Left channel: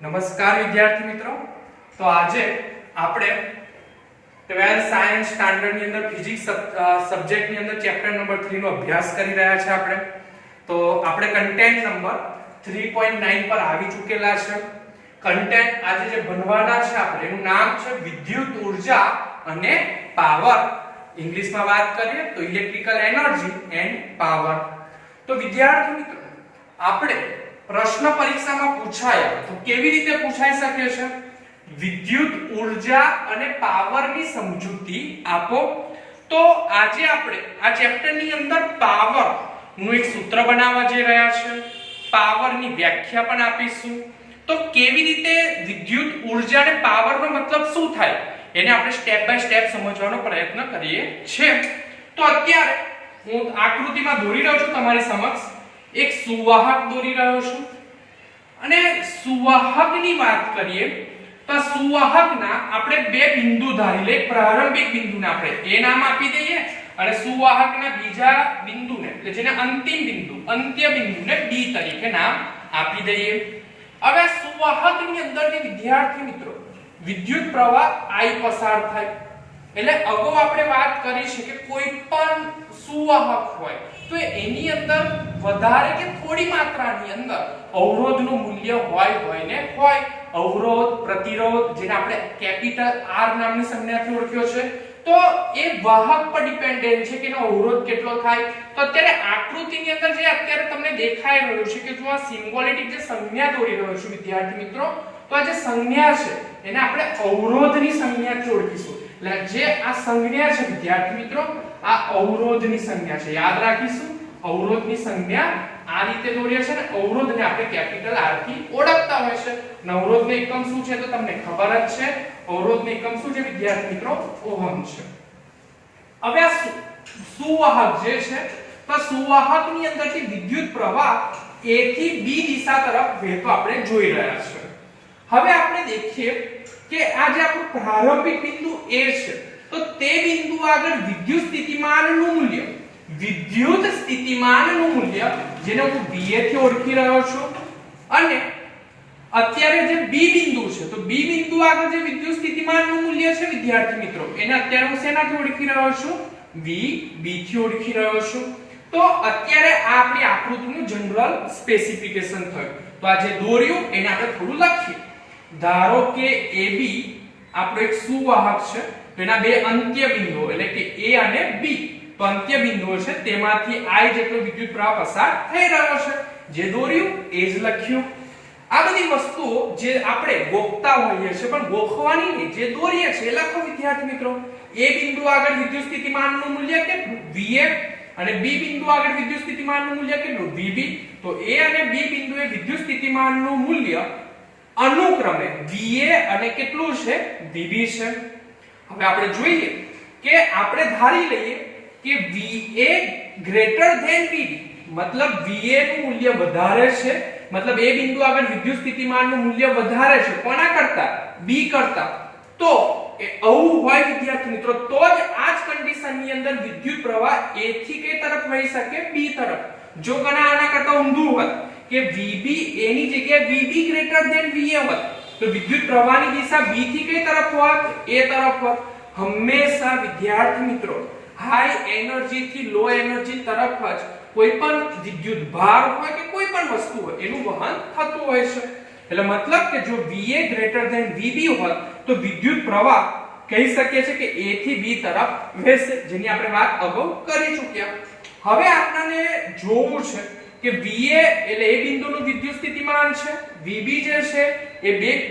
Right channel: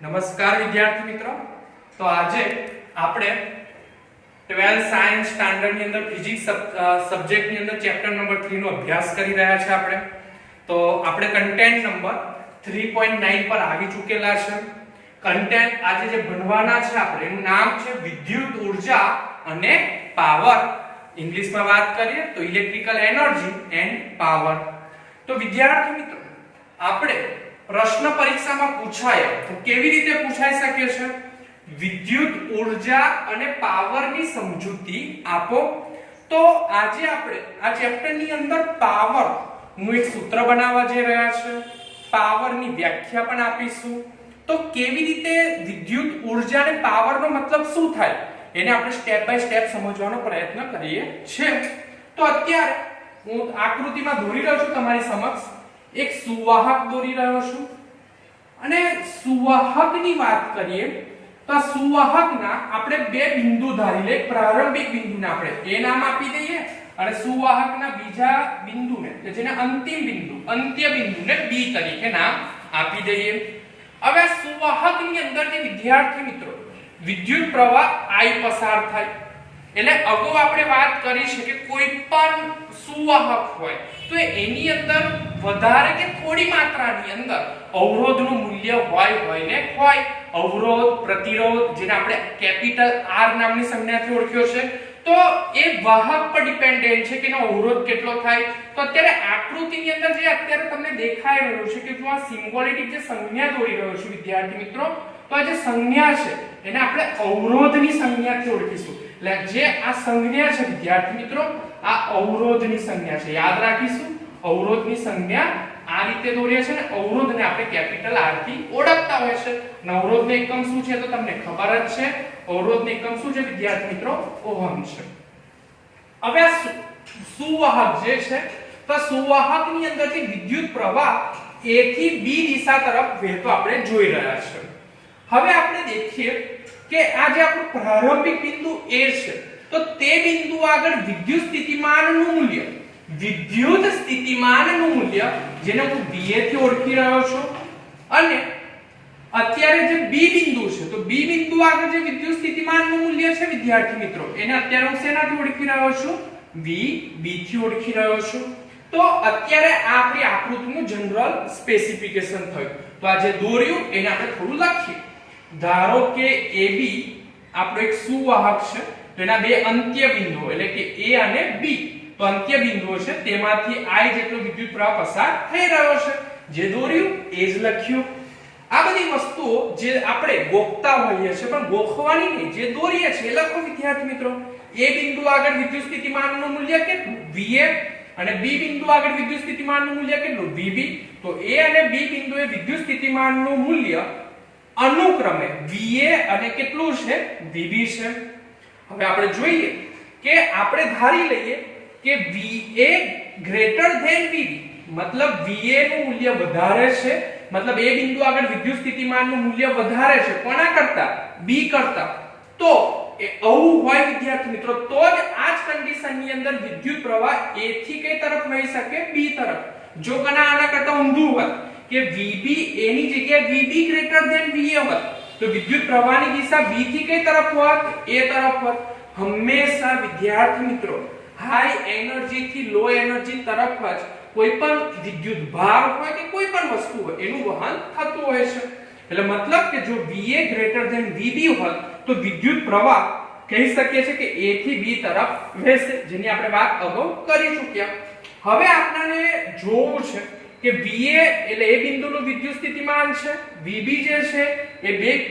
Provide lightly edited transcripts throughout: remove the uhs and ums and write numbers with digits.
નમસ્કાર વિદ્યાર્થી મિત્રો। તો આજે આપણે 12th સાયન્સ સ્ટાન્ડર્ડ ની અંદર ફિઝિક્સ સબ્જેક્ટ ની અંદર ચેપ્ટર નંબર 3 નો અભ્યાસ કરી રહ્યા છે આપણે। તો આપણે કન્ટેન્ટ નંબર 3.9 પર આવી ચૂકેલા છે। કન્ટેન્ટ આજે જે ભણવાના છે આપણે એનું નામ છે વિદ્યુત ઊર્જા અને પાવર। ઇંગ્લિશમાં વાત કરીએ તો ઇલેક્ટ્રિકલ એનર્જી એન્ડ પાવર। તો વિદ્યાર્થી મિત્રો આપણે પ્રશ્ન પરીક્ષામાં પૂછાય તો કેવી રીતે પૂછાઈ શકે છે? વિદ્યુત ઊર્જા અને પાવરની સમજૂતી આપો। તો આજે આપણે આ ચેપ્ટરની અંદર પાવર નું એક સૂત્ર બનાવવા જઈ રહ્યા છે, પાવરની વ્યાખ્યા પણ આપીશું। તો કેવી રીતે વિદ્યુત ઊર્જા અને પાવરનો મતલબ શું થાય એને આપણે સ્ટેપ બાય સ્ટેપ સમજવાનો પ્રયત્ન કરીએ છીએ। તો અત્યારે હું આકૃતિમાં દોરી રહ્યો છું તમારી સમક્ષ, એક સુવાહક દોરી રહ્યો છું અને સુવાહકની વાત કરીએ તો સુવાહકના આપણે બે બિંદુ ધારી લઈએ। પ્રારંભિક બિંદુને આપણે એ નામ આપી દઈએ અને સુવાહકના બીજા બિંદુને એટલે જેને અંતિમ બિંદુ અંત્ય બિંદુને બી તરીકે નામ આપી દઈએ। હવે સુવાહકની અંદરથી વિદ્યાર્થી મિત્રો વિદ્યુત પ્રવાહ I પસાર થાય। એટલે અગાઉ આપણે વાત કરી છે કે કોઈ પણ સુવાહક હોય તો એની અંદર વધારે કે થોડી માત્રાની અંદર અવરોધનું મૂલ્ય હોય ને હોય। અવરોધ, પ્રતિરોધ જેને આપણે કેપિટલ R નામની સંજ્ઞાથી ઓળખ્યો છે, તો એ વાહક પર ડિપેન્ડન્ટ છે કે એનો અવરોધ કેટલો થાય। તો અત્યારે આકૃતિની અંદર જે અત્યારે તમને દેખાઈ રહ્યું છે કે જો આ સિમ્બોલિક જે સંજ્ઞા દોરી રહ્યો છું વિદ્યાર્થી મિત્રો, તો આ જે સંજ્ઞા છે એને આપણે અવરોધની સંજ્ઞાથી ઓળખીશું। એટલે જે આ સંજ્ઞા છે વિદ્યાર્થી મિત્રો આ અવરોધની સંજ્ઞા છે, યાદ રાખીશું। અવરોધની સંજ્ઞા આ રીતે દોરીએ છે ને અવરોધને આપણે કેપિટલ R થી ઓળખતા હોય છે। અવરોધનો એકમ શું છે તો તમને ખબર જ છે। અવરોધનો એકમ શું છે વિદ્યાર્થી મિત્રો? ઓહમ છે। હવે સુવાહક જે છે તો સુવાહકની અંદરથી વિદ્યુત પ્રવાહ A થી B દિશા તરફ વહેતો આપણે જોઈ રહ્યા છે। હવે આપણે દેખીએ કે આ જે આપણું પ્રારંભિક બિંદુ A છે તો તે બિંદુ આગળ વિદ્યુત સ્થિતિમાનનું મૂલ્ય જેને હું VA થી ઓળખી રહ્યો છું, અને અત્યારે જે B બિંદુ છે તો B બિંદુ આગળ જે વિદ્યુત સ્થિતિમાનનું મૂલ્ય છે વિદ્યાર્થી મિત્રો એને અત્યારે હું શેનાથી ઓળખી રહ્યો છું? VB થી ઓળખી રહ્યો છું। તો અત્યારે આ આપણી આકૃતિનું જનરલ સ્પેસિફિકેશન થયું। તો આ જે દોર્યું એને આપણે થોડું લખીએ। ધારો કે AB આપણો એક સુવાહક છે તો એના બે અંત્ય બિંદુઓ એટલે કે A અને B તો અંત્ય બિંદુઓ છે તેમાંથી I જેટલો વિદ્યુત પ્રવાહ પસાર થઈ રહ્યો છે। જે દોર્યું એ જ લખ્યું। આ બધી વસ્તુઓ જે આપણે ગોખતા હોઈએ છે પણ ગોખવાની નહીં, જે દોરીએ છે એ લખો વિદ્યાર્થી મિત્રો। A બિંદુ આગળ વિદ્યુત સ્થિતિમાનનું મૂલ્ય કેટલું? VA, અને B બિંદુ આગળ વિદ્યુત સ્થિતિમાનનું મૂલ્ય કેટલું? VB। તો A અને B બિંદુએ વિદ્યુત સ્થિતિમાનનું મૂલ્ય અનુક્રમે VA અને કેટલું છે? VB છે। હવે આપણે જોઈએ કે આપણે ધારી લઈએ કે VA ગ્રેટર ધેન VB, મતલબ VA નું મૂલ્ય વધારે છે, મતલબ A બિંદુ આગળ વિદ્યુત સ્થિતિમાનનું મૂલ્ય વધારે છે કોના કરતા? B કરતા। તો એ આવું હોય વિદ્યાર્થી મિત્રો તો જ આ જ કન્ડિશનની અંદર વિદ્યુત પ્રવાહ A થી કઈ તરફ વહી શકે? B તરફ। જો કના આના કરતા ઊંધું હોત કે VB A ની જગ્યાએ VB ગ્રેટર ધેન VA હોત તો વિદ્યુત પ્રવાહની દિશા B થી કઈ તરફ હોત? A તરફ હોત। હંમેશા વિદ્યાર્થી મિત્રો હાઈ એનર્જી થી લો એનર્જી તરફ જ કોઈ પણ વિદ્યુત ભાર હોય કે કોઈ પણ વસ્તુ હોય એનું વહન થતું હોય છે। એટલે મતલબ કે જો VA ગ્રેટર ધેન VB હોત તો વિદ્યુત પ્રવાહ કહી શકીએ છે કે A થી B તરફ વહેશે, જેની આપણે વાત અગાઉ કરી ચૂક્યા। હવે આપણને જોવું છે કે VA એટલે A બિંદુનું વિદ્યુત સ્થિતિમાન છે, VB જે છે એ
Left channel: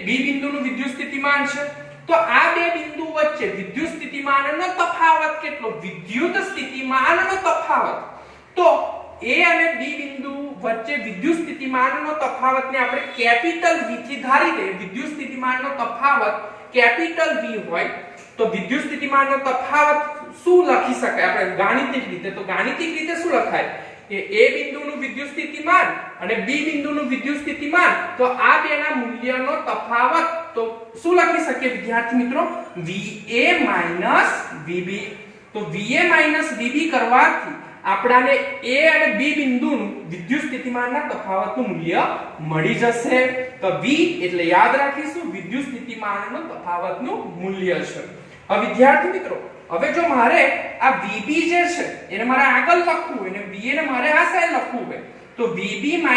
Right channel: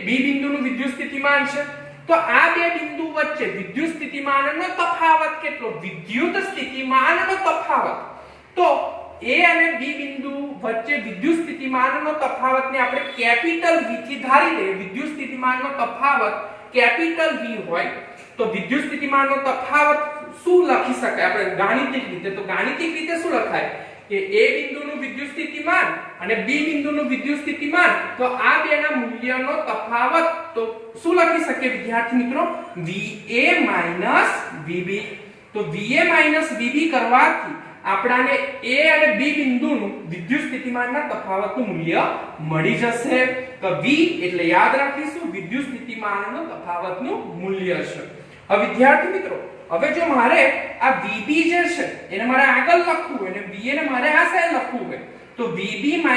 B બિંદુનું વિદ્યુત સ્થિતિમાન છે। તો આ બે બિંદુ વચ્ચે વિદ્યુત સ્થિતિમાનનો તફાવત કેટલો? વિદ્યુત સ્થિતિમાનનો તફાવત। તો A અને B બિંદુ વચ્ચે વિદ્યુત સ્થિતિમાનનો તફાવતને આપણે કેપિટલ V થી ધારી લઈએ। વિદ્યુત સ્થિતિમાનનો તફાવત કેપિટલ V હોય તો વિદ્યુત સ્થિતિમાનનો તફાવત શું લખી શકાય આપણે ગાણિતિક રીતે? તો ગાણિતિક રીતે શું લખાય કે A બિંદુનું વિદ્યુત સ્થિતિમાન અને B બિંદુનું વિદ્યુત સ્થિતિમાન, તો આ બેના મૂલ્યનો તફાવત તો શું લખી શકીએ વિદ્યાર્થી મિત્રો? VA VB। તો VA VB કરવાથી આપણાને A અને B બિંદુનું વિદ્યુત સ્થિતિમાનના તફાવતનું મૂલ્ય મળી જશે। તો V એટલે યાદ રાખીશું વિદ્યુત સ્થિતિમાનનો તફાવતનું મૂલ્ય છે. હવે વિદ્યાર્થી મિત્રો, હવે જો મારે આ VB જે છે એને મારે આગળ લખવું હોય અને VA ને મારે આ સાઈડ લખવું હોય તો VB VA,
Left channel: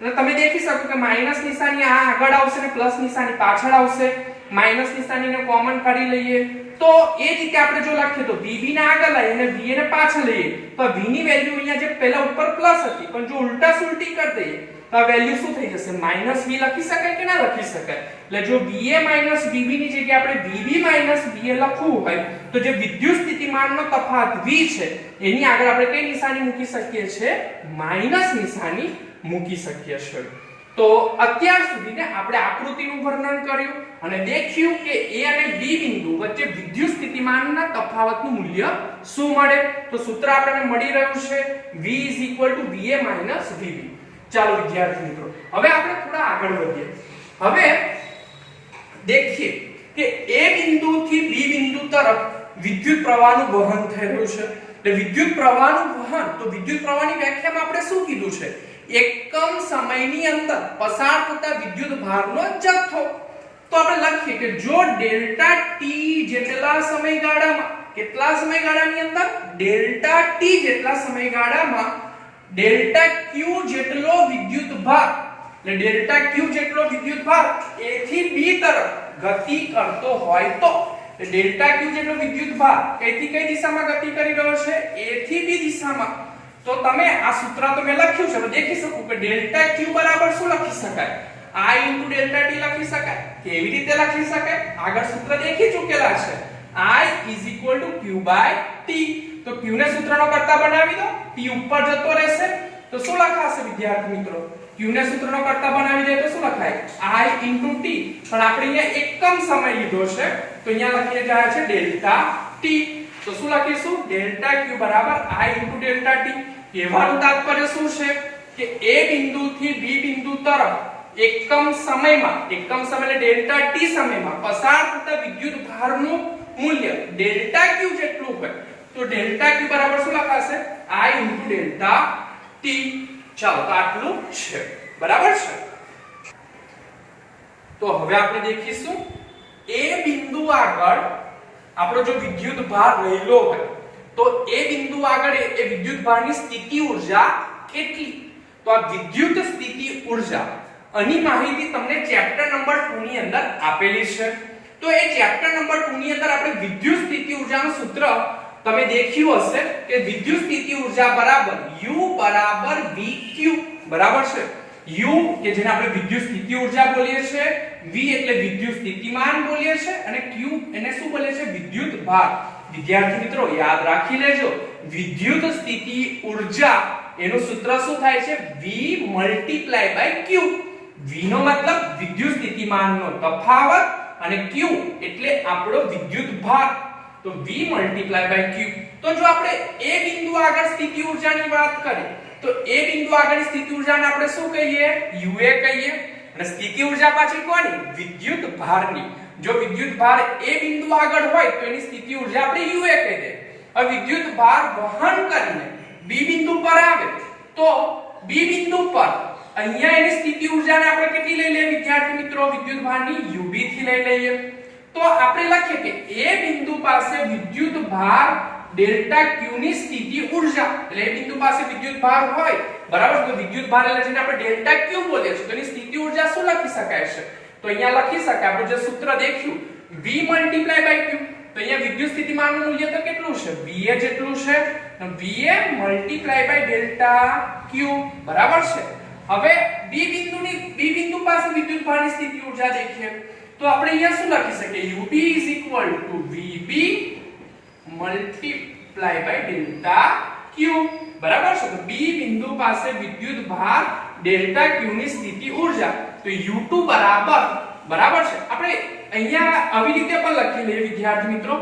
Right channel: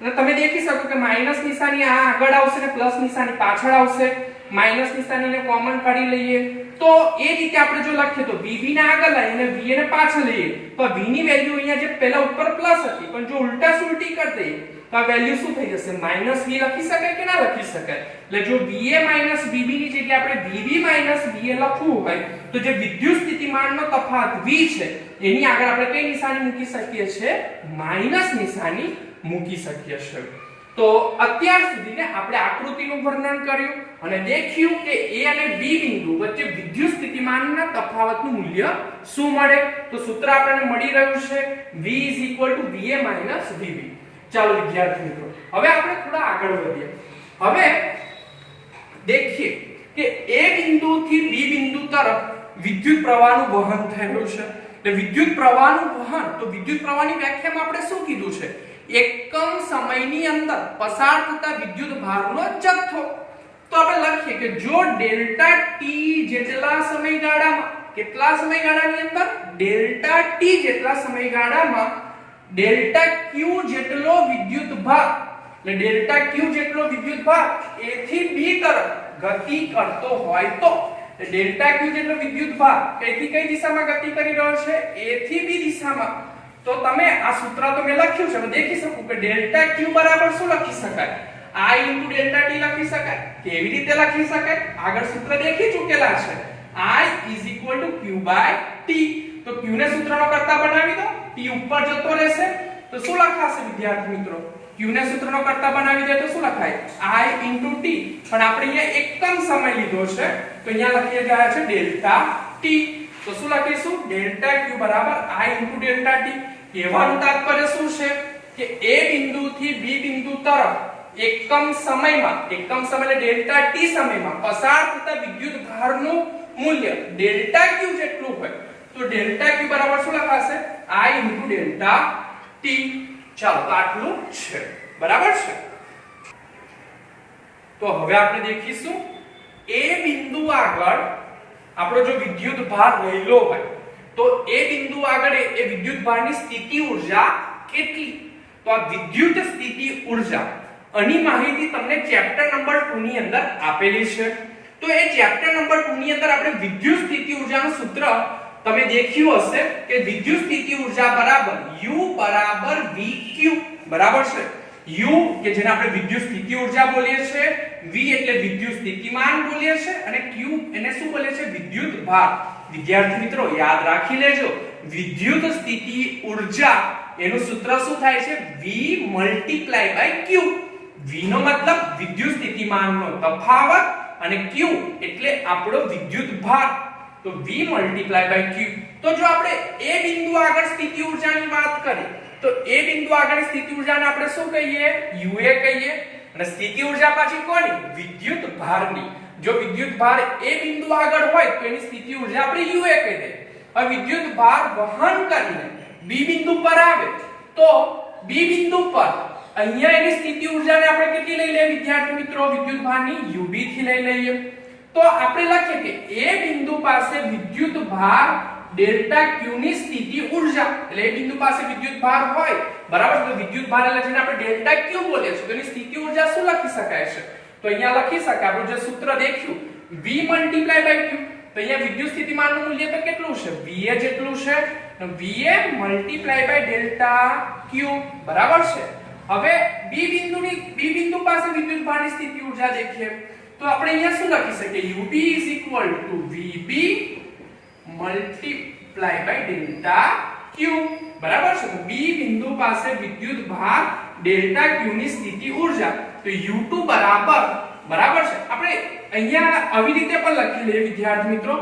એટલે તમે દેખી શકો કે માઈનસ નિશાની આ આગળ આવશે ને પ્લસ નિશાની પાછળ આવશે. માઈનસ નિશાનીને કોમન કાઢી લઈએ તો એ રીતે આપણે જો લખીએ તો VB ને આગળ લઈએ અને VA ને પાછળ લઈએ તો V ની વેલ્યુ અહીંયા જે પહેલા ઉપર પ્લસ હતી પણ જો ઉલટા સુલટી કરી દઈએ તો આ વેલ્યુ શું થઈ જશે? માઈનસ V લખી શકાય કે ના લખી શકાય? એટલે જો VA માઈનસ VB ની જગ્યાએ આપણે VB માઈનસ VA લખવું હોય તો જે વિદ્યુત સ્થિતિમાનનો તફાવત V છે એની આગળ આપણે કઈ નિશાની મૂકી શકીએ છીએ? માઈનસ નિશાની મૂકી શકીએ છીએ. તો અત્યાર સુધીને આપણે આકૃતિનું વર્ણન કર્યું અને દેખ્યું કે A અને B બિંદુ વચ્ચે વિદ્યુત સ્થિતિમાનના તફાવતનું મૂલ્ય શું મળે. તો સૂત્ર આપણને મળી રહ્યું છે V VA VB. ચાલો વિદ્યાર્થી મિત્રો, હવે આપણે થોડા આગળ વધીએ. હવે દેખીએ કે A બિંદુથી B બિંદુ તરફ વિદ્યુત પ્રવાહનું વહન થઈ રહ્યું છે. એટલે વિદ્યુત પ્રવાહનું વહન, તો વિદ્યુત પ્રવાહની વ્યાખ્યામાં આપણે શું કીધું છે? એકમ સમયની અંદર પસાર થતા વિદ્યુત ભારનો જથ્થો. તો આપણે લખીએ કે જો ડેલ્ટા ટી જેટલા સમયગાળામાં, કેટલા સમયગાળાની અંદર? ડેલ્ટા ટી જેટલા સમયગાળામાં ડેલ્ટા ક્યુ જેટલો વિદ્યુત ભાર, એટલે ડેલ્ટા ક્યુ જેટલો વિદ્યુત ભાર A થી B તરફ ગતિ કરતો હોય તો ડેલ્ટા ક્યુ જેટલો વિદ્યુત ભાર કઈથી કઈ દિશામાં ગતિ કરી રહ્યો છે? A થી B દિશામાં. તો તમે આ સૂત્ર તો મેં લખ્યું છે, હવે દેખી શકો કે ડેલ્ટા ક્યુ બરાબર શું લખી શકાય? I ડેલ્ટા ટી લખી શકાય. કેવી રીતે લખી શકાય? આગળ સૂત્ર દેખી ચૂકેલા છે. I Q T. તો Q ને સૂત્રનો કરતા બનાવી દો, T ઉપર જતો રહેશે તો શું લખાશે વિદ્યાર્થી મિત્રો? Q ને સૂત્રનો કરતા બનાવી દે તો શું લખાય? I T. પણ આપણે અહીંયા એકમ સમય લીધો છે તો અહીંયા લખી રહ્યા છે ડેલ્ટા T. તો શું લખીશું? ડેલ્ટા Q બરાબર I ડેલ્ટા T. કહેવાનું તાત્પર્ય શું છે કે A બિંદુથી B બિંદુ તરફ એકમ સમયમાં, એકમ સમય એટલે ડેલ્ટા T સમયમાં પસાર થતા વિદ્યુત ભારનું મૂલ્ય ડેલ્ટા Q જેટલું હોય તો ડેલ્ટા Q બરાબર શું લખાશે? I delta T. ચાલો તો આટલું છે, બરાબર છે. તો હવે આપણે દેખીશું A બિંદુ આગળ આપણો જો વિદ્યુત ભાર રહેલો હોય તો એ બિંદુ આગળ એ વિદ્યુત ભારની સ્થિતિ ઊર્જા કેટલી? તો આ વિદ્યુત સ્થિતિ ઊર્જા આની માહિતી તમને ચેપ્ટર નંબર 2 ની અંદર આપેલી છે. તો એ ચેપ્ટર નંબર 2 ની અંદર આપણે વિદ્યુત સ્થિતિ ઊર્જાનું સૂત્ર તમે દેખ્યું હશે કે વિદ્યુત સ્થિતિ ઊર્જા બરાબર U બરાબર VQ, બરાબર છે. U કે જેને આપણે વિદ્યુત સ્થિતિ ઊર્જા બોલીએ છીએ, V એટલે વિદ્યુત સ્થિતિમાન બોલીએ છીએ અને Q એને શું બોલીએ છીએ? વિદ્યુત ભાર. વિદ્યાર્થી મિત્રો યાદ રાખી લેજો, વિદ્યુત સ્થિતિ ઊર્જા એનું સૂત્ર શું થાય છે? V × Q. V નો મતલબ વિદ્યુત સ્થિતિમાનનો તફાવત અને Q એટલે આપણો વિદ્યુત ભાર. તો V × Q. તો જો આપણે A બિંદુ આગળ સ્થિતિ ઊર્જાની વાત કરીએ તો A બિંદુ આગળ સ્થિતિ ઊર્જાને આપણે શું કહીએ? UA કહીએ. અને સ્થિતિ ઊર્જા પાછી કોની? વિદ્યુત ભારની. જો વિદ્યુત ભાર A બિંદુ આગળ હોય તો એની સ્થિતિ ઊર્જા આપણે UA કહી દે. હવે વિદ્યુત ભાર વહન કરીને B બિંદુ પર આવે તો B બિંદુ પર અહીંયા એની સ્થિતિ ઊર્જાને આપણે કેટલી લઈ લઈએ વિદ્યાર્થી મિત્રો? વિદ્યુત ભારની UB થી લઈ લઈએ. તો આપણે લખીએ કે A બિંદુ પાસે વિદ્યુત ભાર ડેલ્ટા Q ની સ્થિતિ ઊર્જા, એટલે એ બિંદુ પાસે વિદ્યુત ભાર હોય, બરાબર. તો વિદ્યુત ભાર એટલે જેને આપણે ડેલ્ટા Q બોલીએ છીએ તો એની સ્થિતિ ઊર્જા શું લખી શકાય છે? તો અહીંયા લખી શકાય આપણે જે સૂત્ર દેખ્યું V × Q. તો અહીંયા વિદ્યુત સ્થિતિમાનનું મૂલ્ય તો કેટલું છે? VA જેટલું છે. VA × ડેલ્ટા Q, બરાબર છે. હવે B બિંદુ પાસે વિદ્યુત ભારની સ્થિતિ ઊર્જા દેખીએ તો આપણે અહીંયા શું લખી શકીએ? UB VB × ડેલ્ટા Q, બરાબર છે. તો B બિંદુ પાસે વિદ્યુત ભાર ડેલ્ટા Q ની સ્થિતિ ઊર્જા તો U2 બરાબર છે. આપણે અહીંયા આવી રીતે પણ લખી લઈએ વિદ્યાર્થી મિત્રો.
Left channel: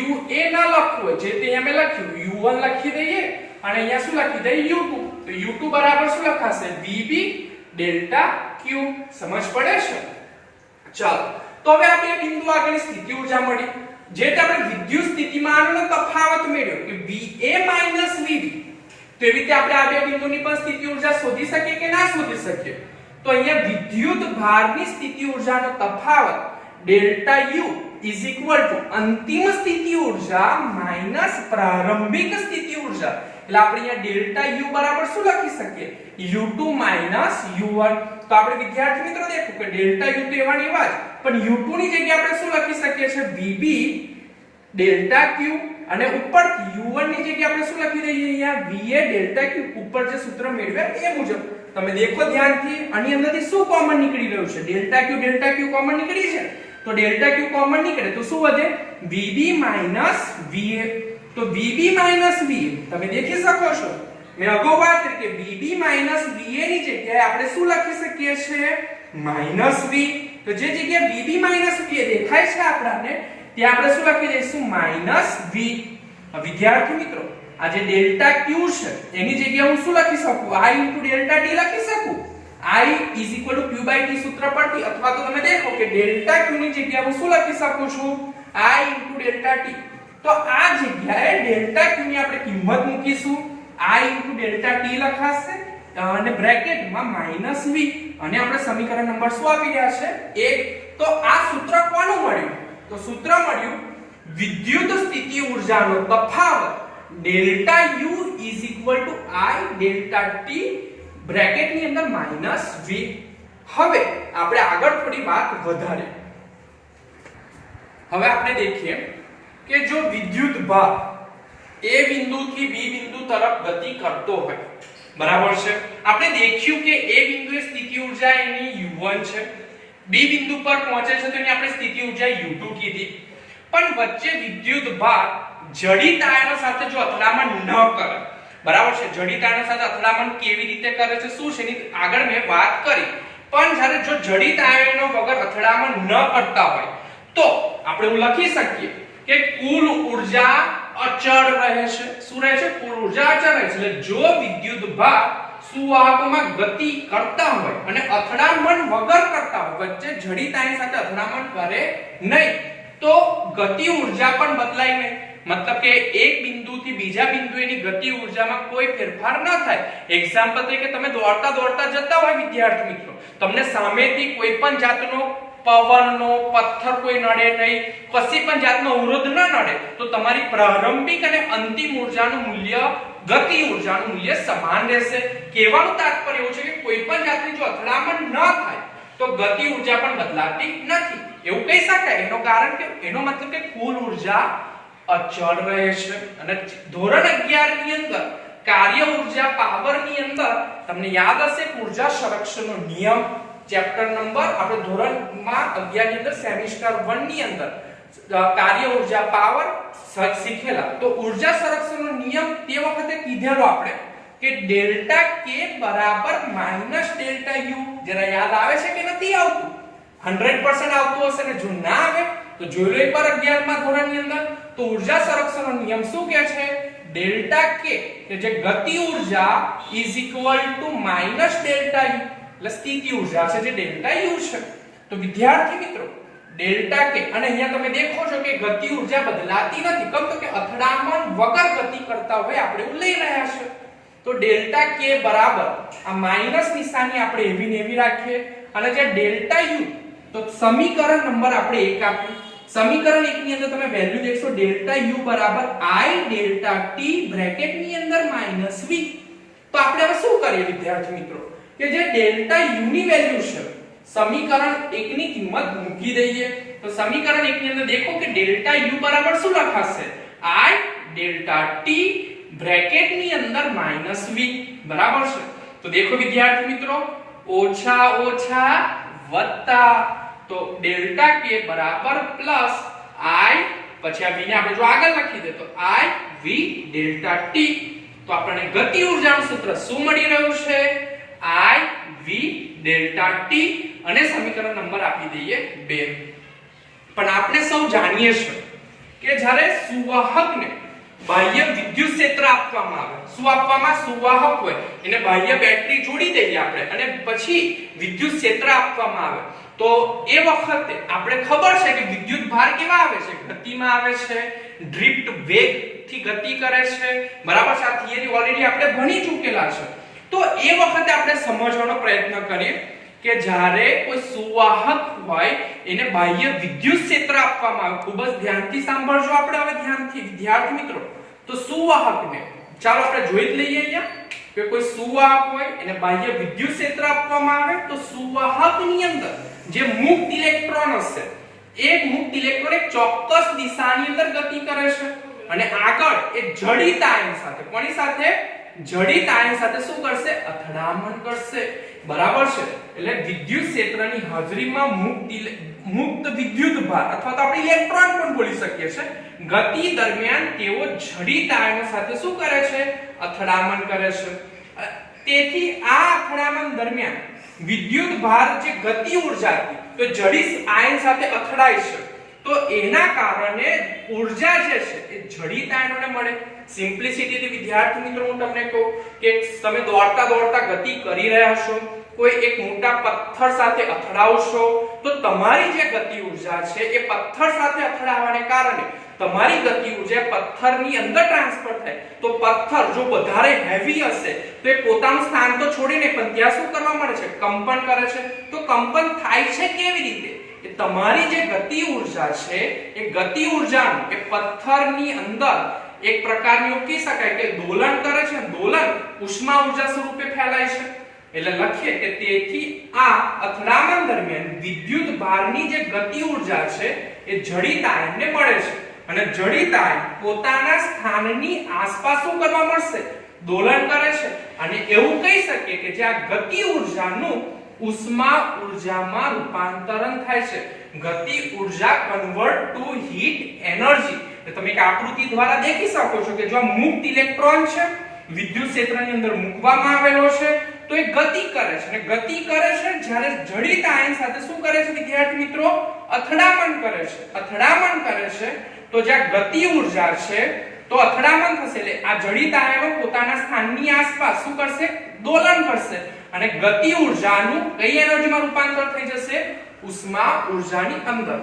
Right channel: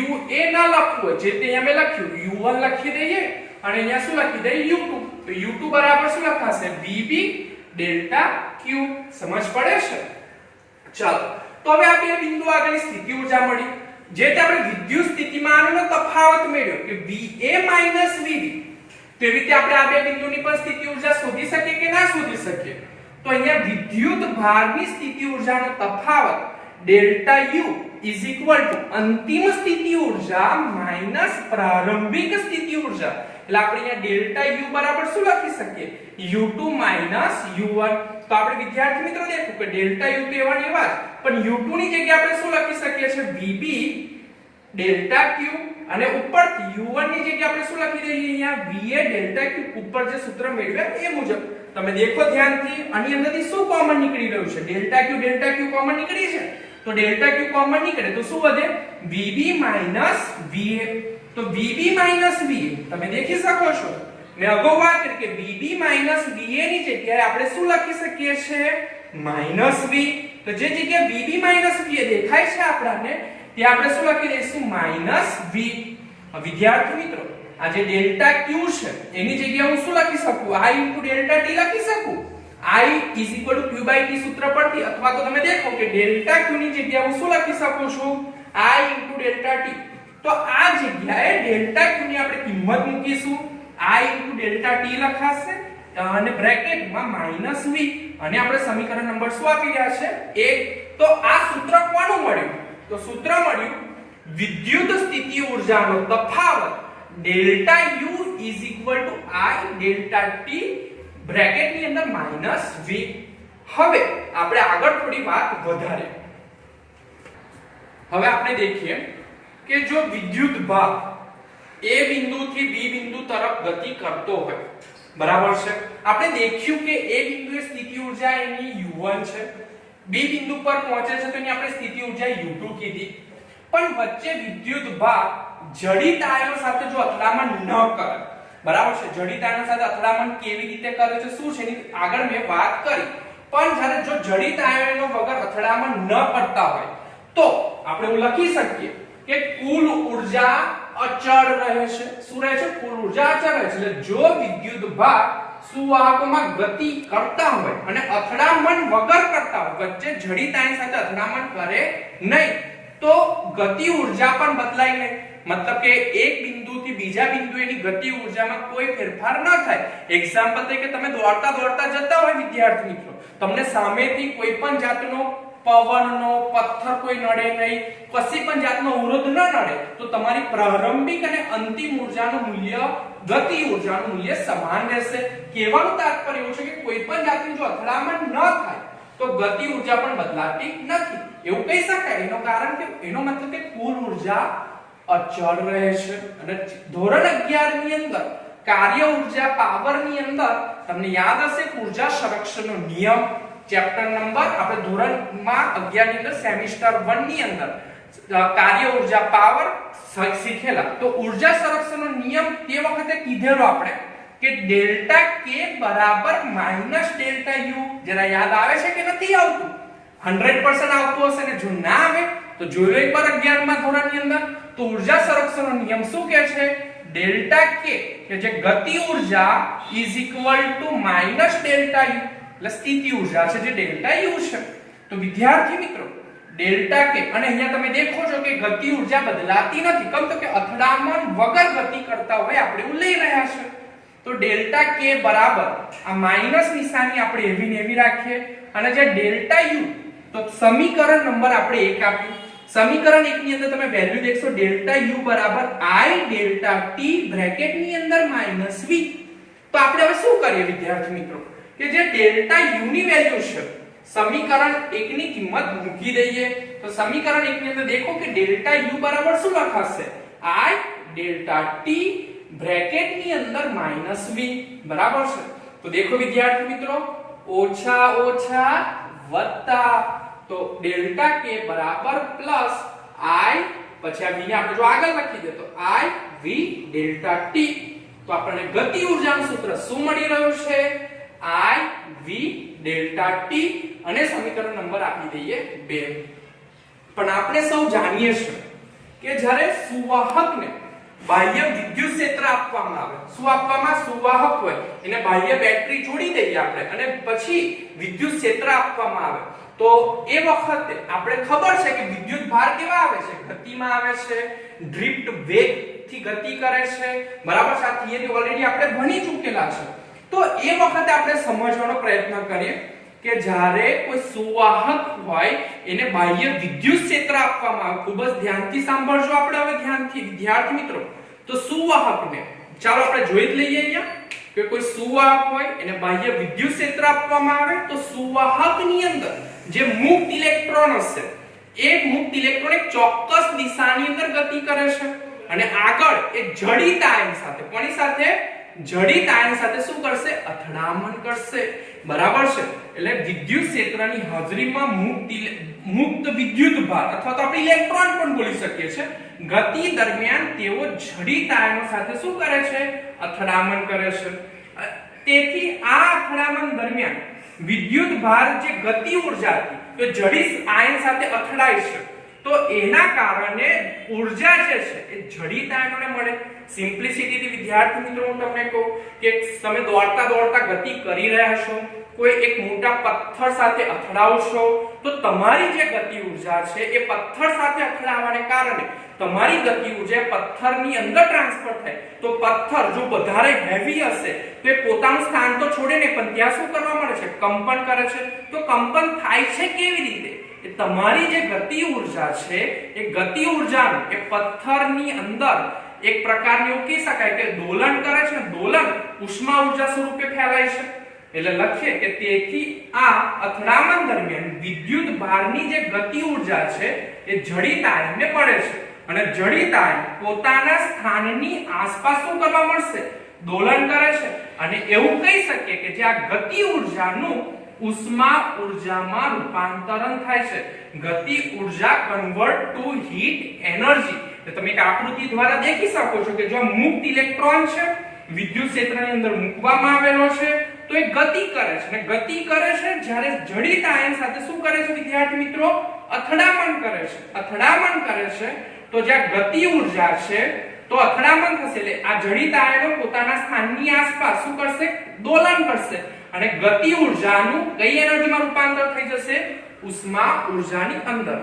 UA ના લખવું જે તે અહીંયા મેં લખ્યું U1 લખી દઈએ અને અહીંયા શું લખી દઈએ? U2. તો U2 બરાબર શું લખાશે? VB delta Q. સમજ પડે છે? ચાલો તો હવે આ બે બિંદુ આગળની સ્થિતિ ઊર્જા મળી, જે આપણે વિદ્યુત સ્થિતિમાનનો તફાવત મેળવ્યો કે VA VB. તો એવી રીતે આપણે આ બે બિંદુની પણ સ્થિતિ ઊર્જા શોધી શકીએ કે ના શોધી શકીએ? તો અહીંયા વિદ્યુત ભારની સ્થિતિ ઊર્જાનો તફાવત delta you is equal to અંતિમ સ્થિતિ ઊર્જા માઈનસ પ્રારંભિક સ્થિતિ ઊર્જા. એટલે આપણે અહીંયા ડેલ્ટા યુ બરાબર શું લખી શકીએ? u2 minus u1. તો આપણે વિદ્યાર્થી મિત્રો દેખો કે ડેલ્ટા યુ તો એવા ને એવા જ, પણ u2 ની જગ્યાએ આપણે શું લખી શકીએ છે? vb ડેલ્ટા q, અને ઉપરથી u1 ની જગ્યાએ આપણે શું લખી દઈએ? અહીંયા va ડેલ્ટા q. ઉપર જે સૂત્ર મેળવ્યા એ મુજબ તમે દેખો ધ્યાનથી, આની અંદરથી શું કોમન નીકળી રહ્યું છે? ડેલ્ટા q કોમન નીકળી છે. તો ડેલ્ટા q કોમન નીકળે તો શું વધે? vb minus va. તો vb માઈનસ va તમે દેખી શકો છો, મેં અગાઉ વાત કરી કે vb માઈનસ va ની જગ્યાએ આપણે શું લખી શકીએ છે? Minus v. તો જે જગ્યાએ vb માઈનસ va દેખાય છે આપણને, ત્યાં આપણે શું લખી દઈશું? Minus v. વિદ્યાર્થી મિત્રો, આ જે ડેલ્ટા q છે એની જગ્યાએ હું શું લખી શકું? i ડેલ્ટા t લખી શકું. i q/t સૂત્ર પરથી, અથવા તો તમે દેખો કે ડેલ્ટા q ની જગ્યાએ હું શું લખી શકું છું? i delta t. તો આ જગ્યાએ ડેલ્ટા q ની આપણે કિંમત મૂકીશું. i ડેલ્ટા t લખાશે અને બ્રેકેટમાં માઈનસ v, અને આપણે સમીકરણ નંબર શું આપી રહ્યા છે? 1. તો આ સૂત્ર કોનું મળ્યું? તો સૂત્ર મળ્યું વિદ્યુત સ્થિતિ ઊર્જાનો તફાવત delta u is equal to i delta t બ્રેકેટની અંદર માઈનસ v. હવે આપણે આગળ થોડી વાત વધારે. હવે આપણે દેખીએ કે જો વિદ્યુત ભાર a બિંદુથી b બિંદુ તરફ ગતિ કરતો હોય, બરાબર છે? આપણે દેખ્યું કે a બિંદુએ સ્થિતિ ઊર્જા એની u1 છે, b બિંદુ પર પહોંચે છે તો એની આપણે સ્થિતિ ઊર્જા u2 કીધી. પણ વચ્ચે વિદ્યુત ભાર જડિત આયનો સાથે જો અથડામણ ન કરે, બરાબર છે? જડિત આયનો સાથે અથડામણ કેવી રીતે કરે છે, શું છે એની આગળ મેં વાત કરી. પણ જ્યારે જો જડિત આયનો વગર અથડામણ ન કરતા હોય તો આપણે એવું લખી શકીએ કે કુલ ઊર્જા અચળ રહે છે. શું રહે છે? કુલ ઊર્જા અચળ રહે છે. એટલે જો વિદ્યુત ભાર સુવાહકોમાં ગતિ કરતા હોય અને અથડામણ વગર કરતા હોય, વચ્ચે જડિત આયન સાથે અથડામણ કરે નહીં, તો ગતિ ઊર્જા પણ બદલાય નહીં. મતલબ કે એક બિંદુથી બીજા બિંદુ એની ગતિ ઊર્જામાં કોઈ ફેરફાર ન થાય. એક્ઝામ્પલ તરીકે તમે દોડતા જતા હોય વિદ્યાર્થી મિત્રો, તમને સામેથી કોઈ પણ જાતનો પવનનો પથ્થર કોઈ નડે નહીં, કશી પણ જાતનો અવરોધ ન નડે, તો તમારી પ્રારંભિક અને અંતિમ ઊર્જાનું મૂલ્ય, ગતિ ઊર્જાનું મૂલ્ય સમાન રહેશે. કહેવાનું તાત્પર્ય એવું છે કે કોઈ પણ જાતની જો અથડામણ ન થાય તો ગતિ ઊર્જા પણ બદલાતી નથી, એવું કહી શકાય. એનો કારણ કે એનો મતલબ કે કુલ ઊર્જા અચળ રહે છે. અને ધોરણ 11 ની અંદર કાર્ય ઊર્જા પાવર ની અંદર તમને યાદ હશે ઊર્જા સંરક્ષણનો નિયમ, ચેપ્ટર નંબર આપણે ધોરણમાં 11 ની અંદર સેમિસ્ટર 1 ની અંદર કાર્ય ઊર્જા પાવર શીખેલા. તો ઊર્જા સંરક્ષણનો નિયમ તે વખતે કીધેલો આપણે કે ડેલ્ટા k બરાબર માઈનસ ડેલ્ટા u. જરા યાદ આવે છે કે નથી આવતું? 100% આવતું હશે, ને જો ના આવે તો જોઈ લો એકવાર 11 માં ધોરણની અંદર. તો ઊર્જા સંરક્ષણનો નિયમ શું કહે છે? ડેલ્ટા k કે જે ગતિ ઊર્જા is equal to minus delta u, એટલે સ્થિતિ ઊર્જા છે જે ડેલ્ટા u છે. તો વિદ્યાર્થી મિત્રો ડેલ્ટા k, અને અહીંયા તમે દેખો છો કે ગતિ ઊર્જા બદલાતી નથી, કેમ તો કે અથડામણ વગર ગતિ કરતા હોય આપણે એવું લઈ રહ્યા છે. તો ડેલ્ટા k બરાબર આ માઈનસ નિશાની આપણે એવી ને એવી રાખીએ, અને જે ડેલ્ટા u તો સમીકરણ નંબર આપણે 1 આપ્યું. સમીકરણ 1 ની અંદર તમે વેલ્યુ દેખશો ડેલ્ટા u બરાબર i ડેલ્ટા t બ્રેકેટ ની અંદર માઈનસ v. તો આપણે હવે શું કરીએ વિદ્યાર્થી મિત્રો કે જે ડેલ્ટા u ની વેલ્યુ છે સમીકરણ 1 ની કિંમત મૂકી દઈએ. તો સમીકરણ 1 ની અંદર દેખો કે ડેલ્ટા u બરાબર શું લખાશે? i ડેલ્ટા t બ્રેકેટ ની અંદર માઈનસ v, બરાબર છે? તો દેખો વિદ્યાર્થી મિત્રો ઓછા ઓછા વત્તા, તો ડેલ્ટા k બરાબર પ્લસ i, પછી આ v ને આપણે જો આગળ લખી દે તો i v ડેલ્ટા t. તો આપણને ગતિ ઊર્જાનું સૂત્ર શું મળી રહ્યું છે? i v ડેલ્ટા t, અને સમીકરણ નંબર આપી દઈએ 2. પણ આપણે સૌ જાણીએ છીએ કે જ્યારે સુવાહકને બાહ્ય વિદ્યુત ક્ષેત્ર આપવામાં આવે, શું આપવામાં? સુવાહક હોય એને બાહ્ય બેટરી જોડી દઈએ આપણે, અને પછી વિદ્યુત ક્ષેત્ર આપવામાં આવે, તો એ વખતે આપણે ખબર છે કે વિદ્યુત ભાર કેવા આવે છે? ગતિમાં આવે છે, ડ્રિફ્ટ વેગ થી ગતિ કરે છે, બરાબર છે? આ થિયરી ઓલરેડી આપણે ભણી ચૂકેલા છે. તો એ વખતે આપણે સમજવાનો પ્રયત્ન કરીએ કે જ્યારે કોઈ સુવાહક હોય એને બાહ્ય વિદ્યુત ક્ષેત્ર આપવામાં આવે, ખૂબ જ ધ્યાનથી સાંભળજો આપણે હવે ધ્યાનથી વિદ્યાર્થી મિત્રો. તો સુવાહકને ચાલો આપણે જોઈ જ લઈએ અહીંયા કે કોઈ સુવાહક હોય એને બાહ્ય વિદ્યુત ક્ષેત્ર આપવામાં આવે તો સુવાહકની અંદર જે મુક્ત ઇલેક્ટ્રોન હશે એ મુક્ત ઇલેક્ટ્રોન એક ચોક્કસ દિશાની અંદર ગતિ કરે છે અને આગળ એ જડિત આયન સાથે કોની સાથે જડિત આયન સાથે શું કરશે અથડામણ કરશે. બરાબર છે. એટલે વિદ્યુત ક્ષેત્રની હાજરીમાં મુક્ત વિદ્યુત ભાર અથવા તો આપણે ઇલેક્ટ્રોન પણ બોલી શકીએ છીએ ગતિ દરમિયાન તેઓ જડિત આયનો સાથે શું કરે છે અથડામણ કરે છે. તેથી આ અથડામણ દરમિયાન વિદ્યુત ભાર જે ગતિ ઉર્જા હતી તો જડિત આયન સાથે અથડાય છે તો એના કારણે ઉર્જા જે છે એ જડિત આયનોને મળે. સિમ્પ્લિસિટીથી વિદ્યાર્થી મિત્રો હું તમને કહું કે તમે દોડતા દોડતા ગતિ કરી રહ્યા છો, કોઈ એક મોટા પથ્થર સાથે અથડાવશો તો તમારી જે ગતિ ઉર્જા છે એ પથ્થર સાથે અથડાવાને કારણે તમારી ગતિ ઉર્જા પથ્થરની અંદર ટ્રાન્સફર થાય તો પથ્થર જો વધારે હેવી હશે તો એ પોતાનું સ્થાન તો છોડે ને પણ ત્યાં શું કરવા મળે છે કંપન કરે છે. તો કંપન થાય છે કેવી રીતે? તમારી જે ગતિ ઉર્જા છે એ ગતિ ઉર્જાનું એ પથ્થરની અંદર એક પ્રકારની એવું કહી શકાય કે દોલન કરે છે. દોલન ઉષ્મા ઉર્જા સ્વરૂપે ફેલાય છે. એટલે લખીએ કે તેથી આ અથડામણ દરમિયાન વિદ્યુત ભારની જે ગતિ ઉર્જા છે એ જડિત આયનને મળે છે અને જડિત આયન પોતાના સ્થાનની આસપાસ શું કરવા મળશે દોલન કરે છે અને એવું કહી શકીએ કે જે આ ગતિ ઉર્જાનું ઉષ્મા ઉર્જામાં રૂપાંતરણ થાય છે. ગતિ ઉર્જા કન્વર્ટ ટુ હીટ એનર્જી. તમે એક આકૃતિ દ્વારા દેખી શકો છો કે જો મુક્ત ઇલેક્ટ્રોન છે વિદ્યુત ક્ષેત્રની અંદર મૂકવામાં આવેલો છે તો એ ગતિ કરે છે અને ગતિ કરે છે જ્યારે જડિત આયન સાથે શું કરે છે વિદ્યાર્થી મિત્રો અથડામણ કરે છે. અથડામણ કરે છે તો જ્યાં ગતિ ઉર્જા છે તો અથડામણ થશે એટલે આ જડિત આયનો પોતાના સ્થાનની આસપાસ શું કરશે દોલન કરશે અને ગતિ ઉર્જાનું કઈ એનર્જીમાં રૂપાંતર થઈ જશે ઉષ્મા ઉર્જાની અંદર.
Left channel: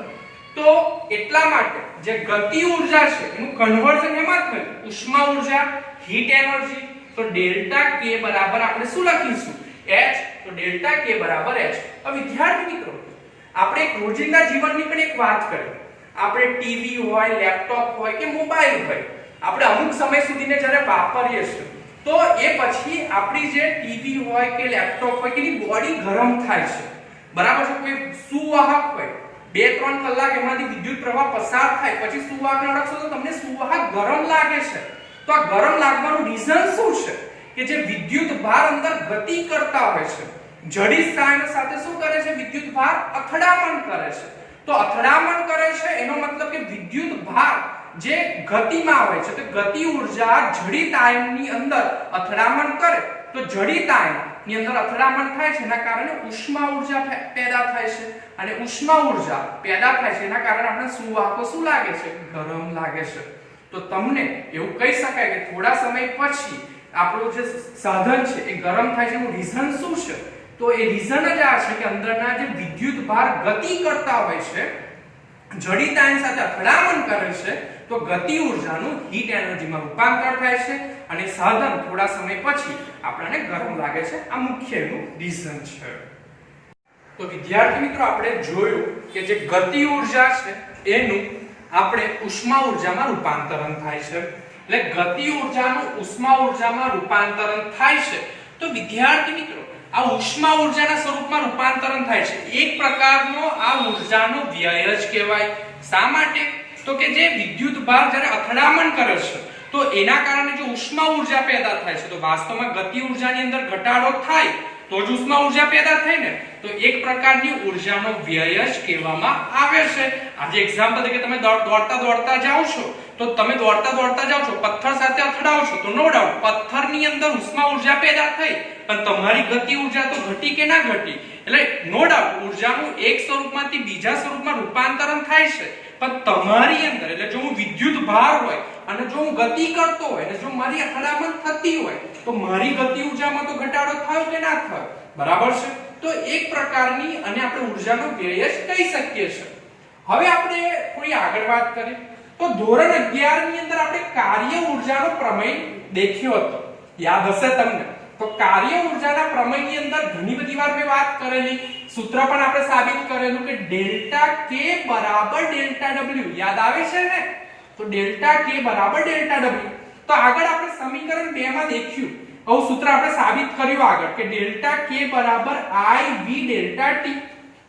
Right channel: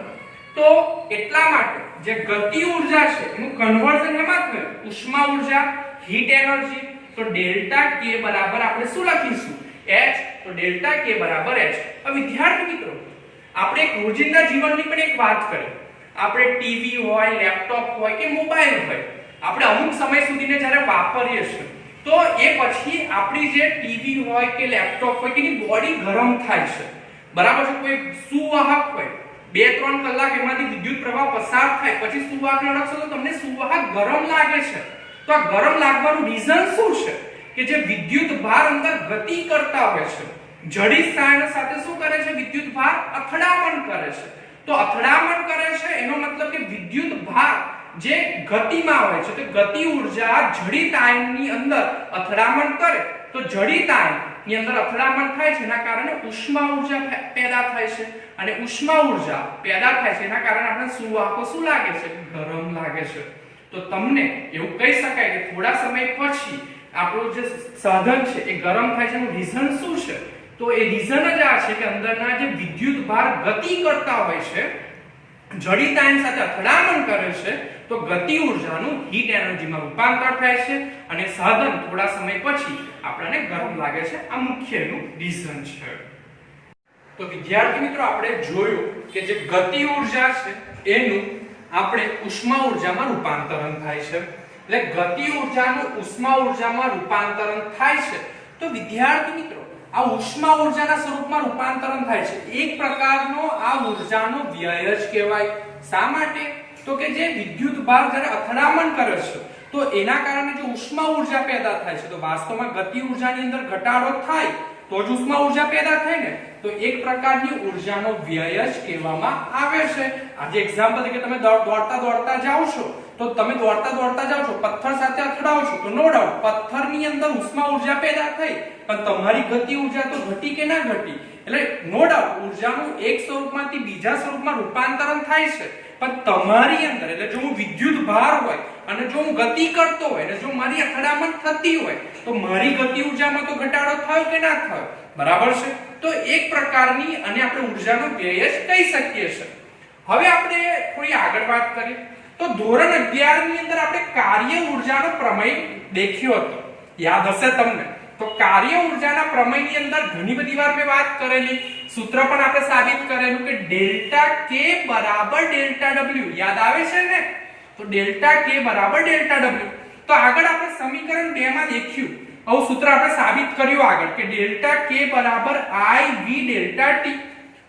તો એટલા માટે જે ગતિ ઉર્જા છે એનું કન્વર્ઝન એમાં થયું ઉષ્મા ઉર્જા હીટ એનર્જી. તો ડેલ્ટા કે બરાબર આપણે શું લખીશું h. તો ડેલ્ટા કે બરાબર h. હવે વિદ્યાર્થી મિત્રો આપણે એક રોજિંદા જીવનની પણ એક વાત કરીએ. આપણે ટીવી હોય લેપટોપ હોય કે મોબાઈલ હોય આપણે અમુક સમય સુધીને જ્યારે વાપરીએ છીએ તો એ પછી આપણી જે ટીવી હોય કે લેપટોપ હોય કે એની બોડી ગરમ થાય છે. બરાબર છે. કોઈ સુવાહક હોય 2-3 કલાક એમાંથી વિદ્યુત પ્રવાહ પસાર થાય પછી સુવાહકને અડકશો તો તમને સુવાહક ગરમ લાગે છે. તો આ ગરમ લાગવાનું રીઝન શું છે કે જે વિદ્યુત ભાર અંદર ગતિ કરતા હોય છે જડિત આયન સાથે શું કરે છે વિદ્યુત ભાર અથડામણ કરે છે. તો અથડામણ કરે છે એનો મતલબ કે વિદ્યુત ભાર જે ગતિમાં હોય છે તો ગતિ ઉર્જા જડિત આયનની અંદર અથડામણ કરે તો જડિત આયનની અંદર અથડામણ થાય છે એના કારણે ઉષ્મા ઉર્જા પેદા થાય છે અને ઉષ્મા ઉર્જા પેદા થાય છે એના કારણે આપણે સુવાહકો શું લાગે છે ગરમ લાગે છે. તો તમને એવું કહી શકાય કે થોડા સમય પછી આપણું જે સાધન છે એ ગરમ થાય છે એનું રીઝન શું છે? તો એ રીઝન જ આ છે કે અંદરના જે વિદ્યુત ભાર ગતિ કરતા હોય છે જડિત આયન સાથે અથડામણ કરે છે તો ગતિ ઉર્જાનું હીટ એનર્જીમાં રૂપાંતર થાય છે અને સાધન થોડા સમય પછી આપણને ગરમ લાગે છે. આ મુખ્યનું રીઝન છે. તો વિદ્યાર્થી મિત્રો આપણે જોયું કે જે ગતિ ઉર્જા છે એનું આપણે ઉષ્મા ઉર્જામાં રૂપાંતરણ થાય છે. એટલે ગતિ ઉર્જાનું ઉષ્મા ઉર્જામાં રૂપાંતરણ થાય છે. તો વિદ્યાર્થી મિત્રો આ ઉષ્મા ઉર્જાના સ્વરૂપમાં રૂપાંતરણ થાય છે. એક પ્રકારનો આ ઉર્જાનો વ્યય જ કહેવાય. શા માટે? તો કે જે વિદ્યુત ભાર જ્યારે અથડામણ કરે છે તો એના કારણે જો ઉષ્મા ઉર્જા પેદા થાય છે તો વાસ્તવમાં ગતિ ઉર્જાની અંદર ઘટાડો થાય તો જ ઉષ્મા ઉર્જા પેદા થાય ને. તો એક પ્રકારની ઉર્જાનો વ્યય જ કહેવામાં આવે છે. આજે એક્ઝામ્પલ તરીકે તમે દોડતા દોડતા જાઓ છો તો તમે દોડતા દોડતા જાઓ છો પથ્થર સાથે અથડાઓ છો તો નો ડાઉટ પથ્થરની અંદર ઉષ્મા ઉર્જા પેદા થઈ પણ તમારી ગતિ ઉર્જા તો ઘટી કે ના ઘટી. એટલે નો ડાઉટ ઉર્જાનું એક સ્વરૂપમાંથી બીજા સ્વરૂપમાં રૂપાંતરણ થાય છે પણ તમારી અંદર એટલે જો હું વિદ્યુત ભાર હોય અને જો હું ગતિ કરતો હોય અને જો મારી અથડામણ થતી હોય તો મારી ગતિ ઉર્જામાં તો ઘટાડો થયો કે ના થયો. બરાબર છે. તો એક પ્રકારની અને આપણે ઉર્જાનો વ્યય જ કહી શકીએ છીએ. હવે આપણે થોડી આગળ વાત કરીએ તો ધોરણ 11 ની અંદર આપણે કાર્ય ઉર્જાનો પ્રમેય દેખ્યો હતો. યાદ હશે તમને. તો કાર્ય ઊર્જાના પ્રમેયની અંદર ઘણી બધી વાર મેં વાત કરેલી, સૂત્ર પણ આપણે સાબિત કરેલું કે ડેલ્ટા કે બરાબર ડેલ્ટા ડબલ્યુ, યાદ આવે છે ને? તો ડેલ્ટા કે બરાબર ડેલ્ટા ડબલ્યુ. તો આગળ આપણે સમીકરણ 2 માં દેખ્યું, આવું સૂત્ર આપણે સાબિત કર્યું આગળ કે ડેલ્ટા કે બરાબર I V ડેલ્ટા T.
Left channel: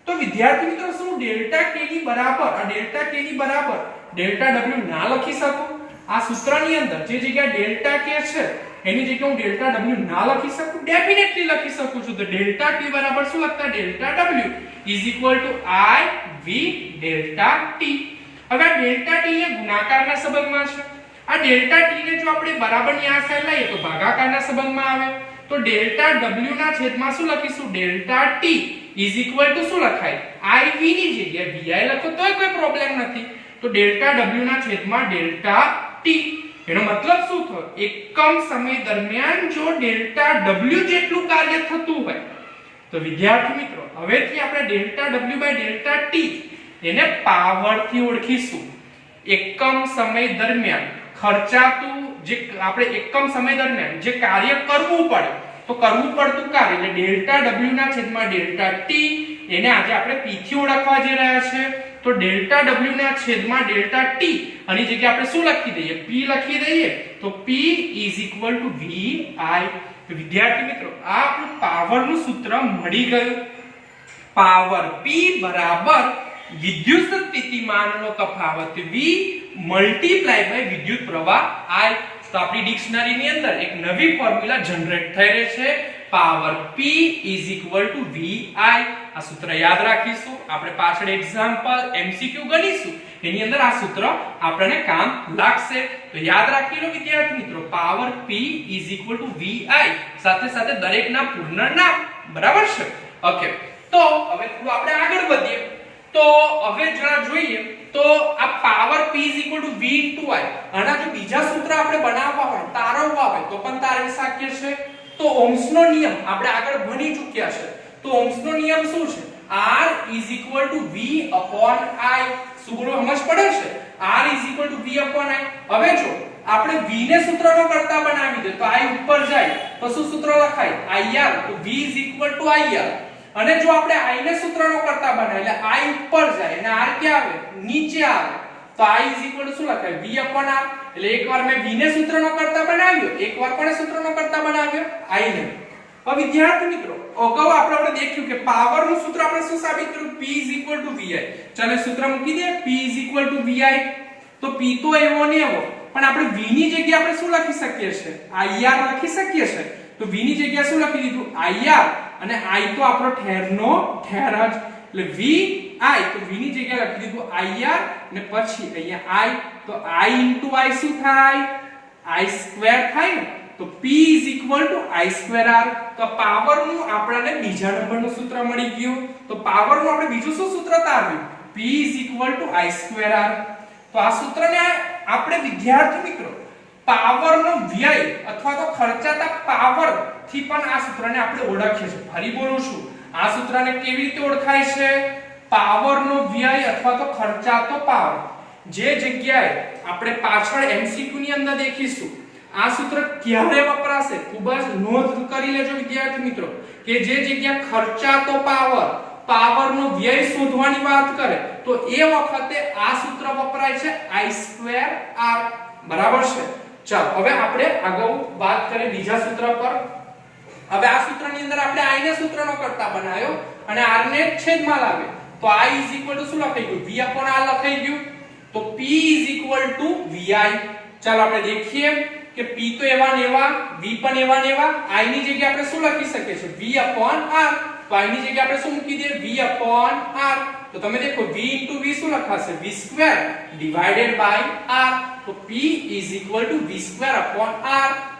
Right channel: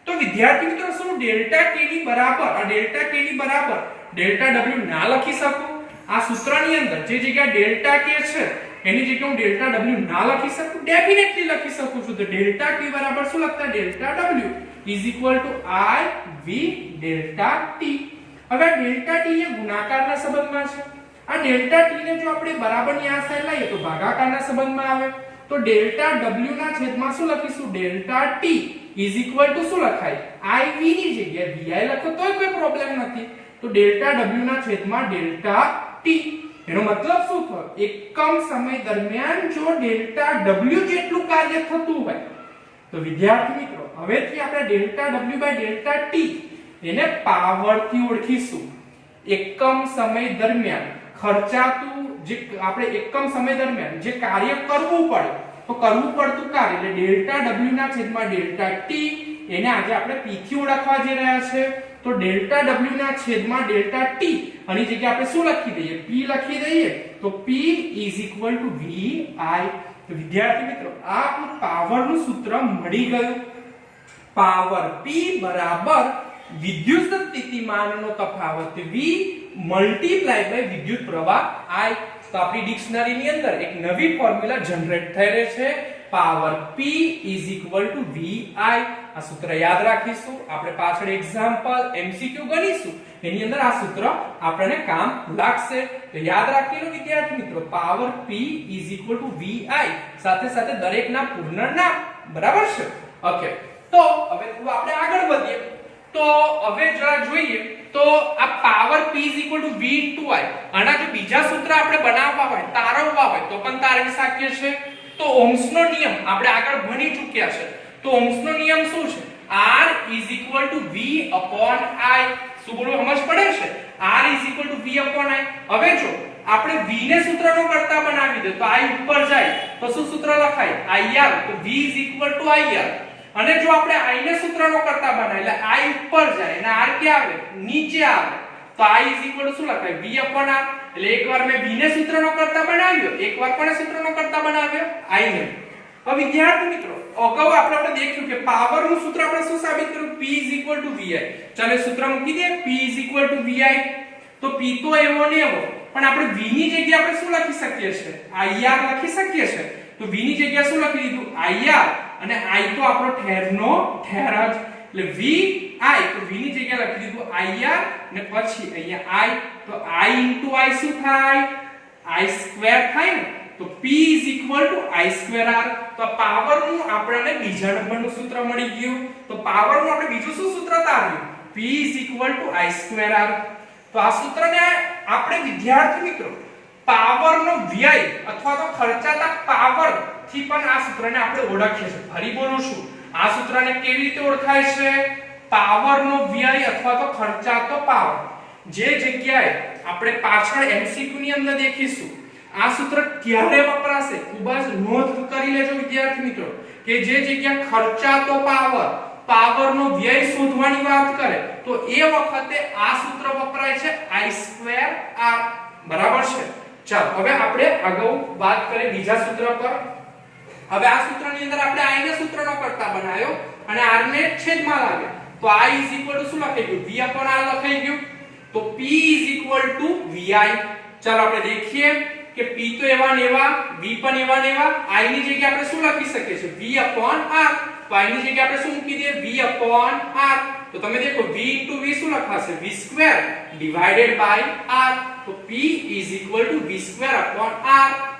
તો વિદ્યાર્થી મિત્રો શું ડેલ્ટા કે ની બરાબર ડેલ્ટા કે ની બરાબર ડેલ્ટા ડબલ્યુ ના લખી શકું? આ સૂત્રની અંદર જે જગ્યા ડેલ્ટા કે છે એની જગ્યાએ હું ડેલ્ટા ડબલ્યુ ના લખી શકું? ડેફિનેટલી લખી શકું છું. તો ડેલ્ટા ટી બરાબર શું લખતા? Delta W is equal to I V delta T. હવે ડેલ્ટા ટી એ ગુણાકારના સંબંધમાં છે. આ ડેલ્ટા ટી ને જો આપણે બરાબરની આ સાઈડ લઈએ તો ભાગાકારના સંબંધમાં આવે. તો ડેલ્ટા ડબલ્યુ ના છેદમાં શું લખીશું? Delta T is equal to શું લખાય? I V ની જગ્યાએ VI લખો તોય કોઈ પ્રોબ્લેમ નથી. તો ડેલ્ટા ડબલ્યુ ના છેદમાં ડેલ્ટા ટી. એનો મતલબ શું થયો? એકમ સમય દરમિયાન જો ડેલ્ટા ડબલ્યુ જેટલું કાર્ય થતું હોય તો વિદ્યાર્થી મિત્રો હવેથી આપણે delta W by delta T એને પાવર થી ઓળખીશું. એકમ સમય દરમિયાન ખર્ચાતું જે આપણે એકમ સમય દરમિયાન જે કાર્ય કરવું પડે તો કરવું પડતું કાર્ય એટલે ડેલ્ટા ડબલ્યુ ના છેદમાં ડેલ્ટા ટી એને આજે આપણે p થી ઓળખવા જઈ રહ્યા છે. તો ડેલ્ટા ડબલ્યુ ના છેદમાં ડેલ્ટા ટી આની જગ્યાએ આપણે શું લખી દઈએ? p લખી દઈએ. તો p is equal to vi. તો વિદ્યાર્થી મિત્રો આ આપણું પાવરનું સૂત્ર મળી ગયું. પાવર p બરાબર વિદ્યુત સ્થિતિમાનનો તફાવત v મલ્ટીપ્લાય બાય વિદ્યુત પ્રવાહ I. તો આપણી ડિક્શનરી ની અંદર એક નવી ફોર્મ્યુલા જનરેટ થઈ રહી છે. Power p is equal to vi. આ સૂત્ર યાદ રાખીશું. આપણે પાછળ એક્ઝામ્પલ MCQ ગણીશું એની અંદર આ સૂત્ર આપણને કામ લાગશે. તો યાદ રાખી લો વિદ્યાર્થી મિત્રો, power p is equal to vi સાથે સાથે દરેકના પૂર્ણ નામ. બરાબર છે? ઓકે. તો હવે થોડું આપણે આગળ વધીએ. તો હવે જરા જોઈએ તો આ પાવર p v * I આના જો બીજા સૂત્ર આપણે બનાવવા હોય, તારવવા હોય તો પણ તારવી શકીએ છે. તો ઓહ્મનો નિયમ આપણે આગળ ભણી ચૂક્યા છે. તો ઓહ્મનો નિયમ શું છે? R = V/I. શું બોલો સમજ પડે છે? R = V/I. હવે જો આપણે v ને સૂત્રનો કરતા બનાવી દે તો I ઉપર જાય તો શું સૂત્ર લખાય? IR. તો V = IR. અને જો આપણે I ને સૂત્રનો કરતા બનાવીએ એટલે I ઉપર જાય અને R ક્યાં આવે? નીચે આવે. તો I = શું લખાય? V/R. એટલે એકવાર મેં v ને સૂત્રનો કરતા બનાવ્યો, એકવાર પણ સૂત્રનો કરતા બનાવ્યો I ને. હવે વિદ્યાર્થી મિત્રો અગાઉ આપણે દેખ્યું કે પાવર નું સૂત્ર આપણે શું સાબિત કર્યું? P = VI. ચાલો સૂત્ર મૂકી દે. P = VI. તો P તો એવો ને એવો, પણ આપણે v ની જગ્યાએ આપણે શું લખી શકીએ છે? IR લખી શકીએ છે. તો v ની જગ્યાએ શું લખી દીધું? IR. અને I તો આપણો ઠેરનો ઠેર જ એટલે VI. તો v ની જગ્યાએ લખી દીધું IR અને પછી અહીંયા I. તો I * I શું થાય? I² થાય ને. તો P = I²R. તો પાવર નું આપણને બીજા નંબરનું સૂત્ર મળી ગયું. તો પાવર નું આપણે બીજું શું સૂત્ર તાર્યું? P = I²R. તો આ સૂત્રને આપણે વિદ્યાર્થી મિત્રો પાવર નો વ્યય અથવા તો ખર્ચાતા પાવર થી પણ આ સૂત્રને આપણે ઓળખીએ છીએ. ફરી બોલું છું, આ સૂત્રને કેવી રીતે ઓળખાય છે? પાવર નો વ્યય અથવા તો ખર્ચાતો પાવર. જે જગ્યાએ આપણે પાછળ MCQ ની અંદર દેખીશું આ સૂત્ર ક્યારે વપરાશે ખૂબ જ નોંધ કરી લેજો વિદ્યાર્થી મિત્રો કે જે જગ્યા ખર્ચાતો પાવર નો વ્યય શોધવાની વાત કરે તો એ વખતે આ સૂત્ર વપરાય છે I²R. બરાબર છે? ચાલો હવે આપણે આગળ વાત કરીએ બીજા સૂત્ર પર. હવે આ સૂત્રની અંદર આપણે I ને સૂત્રનો કરતા બનાવ્યો અને R ને છેદમાં લાવ્યો. તો I = શું લખાઈ ગયું? V/R લખાઈ ગયું. તો P = VI. ચાલો આપણે દેખીએ કે P તો એવા ને એવા, V પણ એવા ને એવા. I ની જગ્યાએ આપણે શું લખી શકીએ છીએ? V/R. તો I ની જગ્યાએ આપણે શું મૂકી દઈએ? V/R. તો તમે દેખો V * V શું લખાશે? V² / R. તો P = V²/R.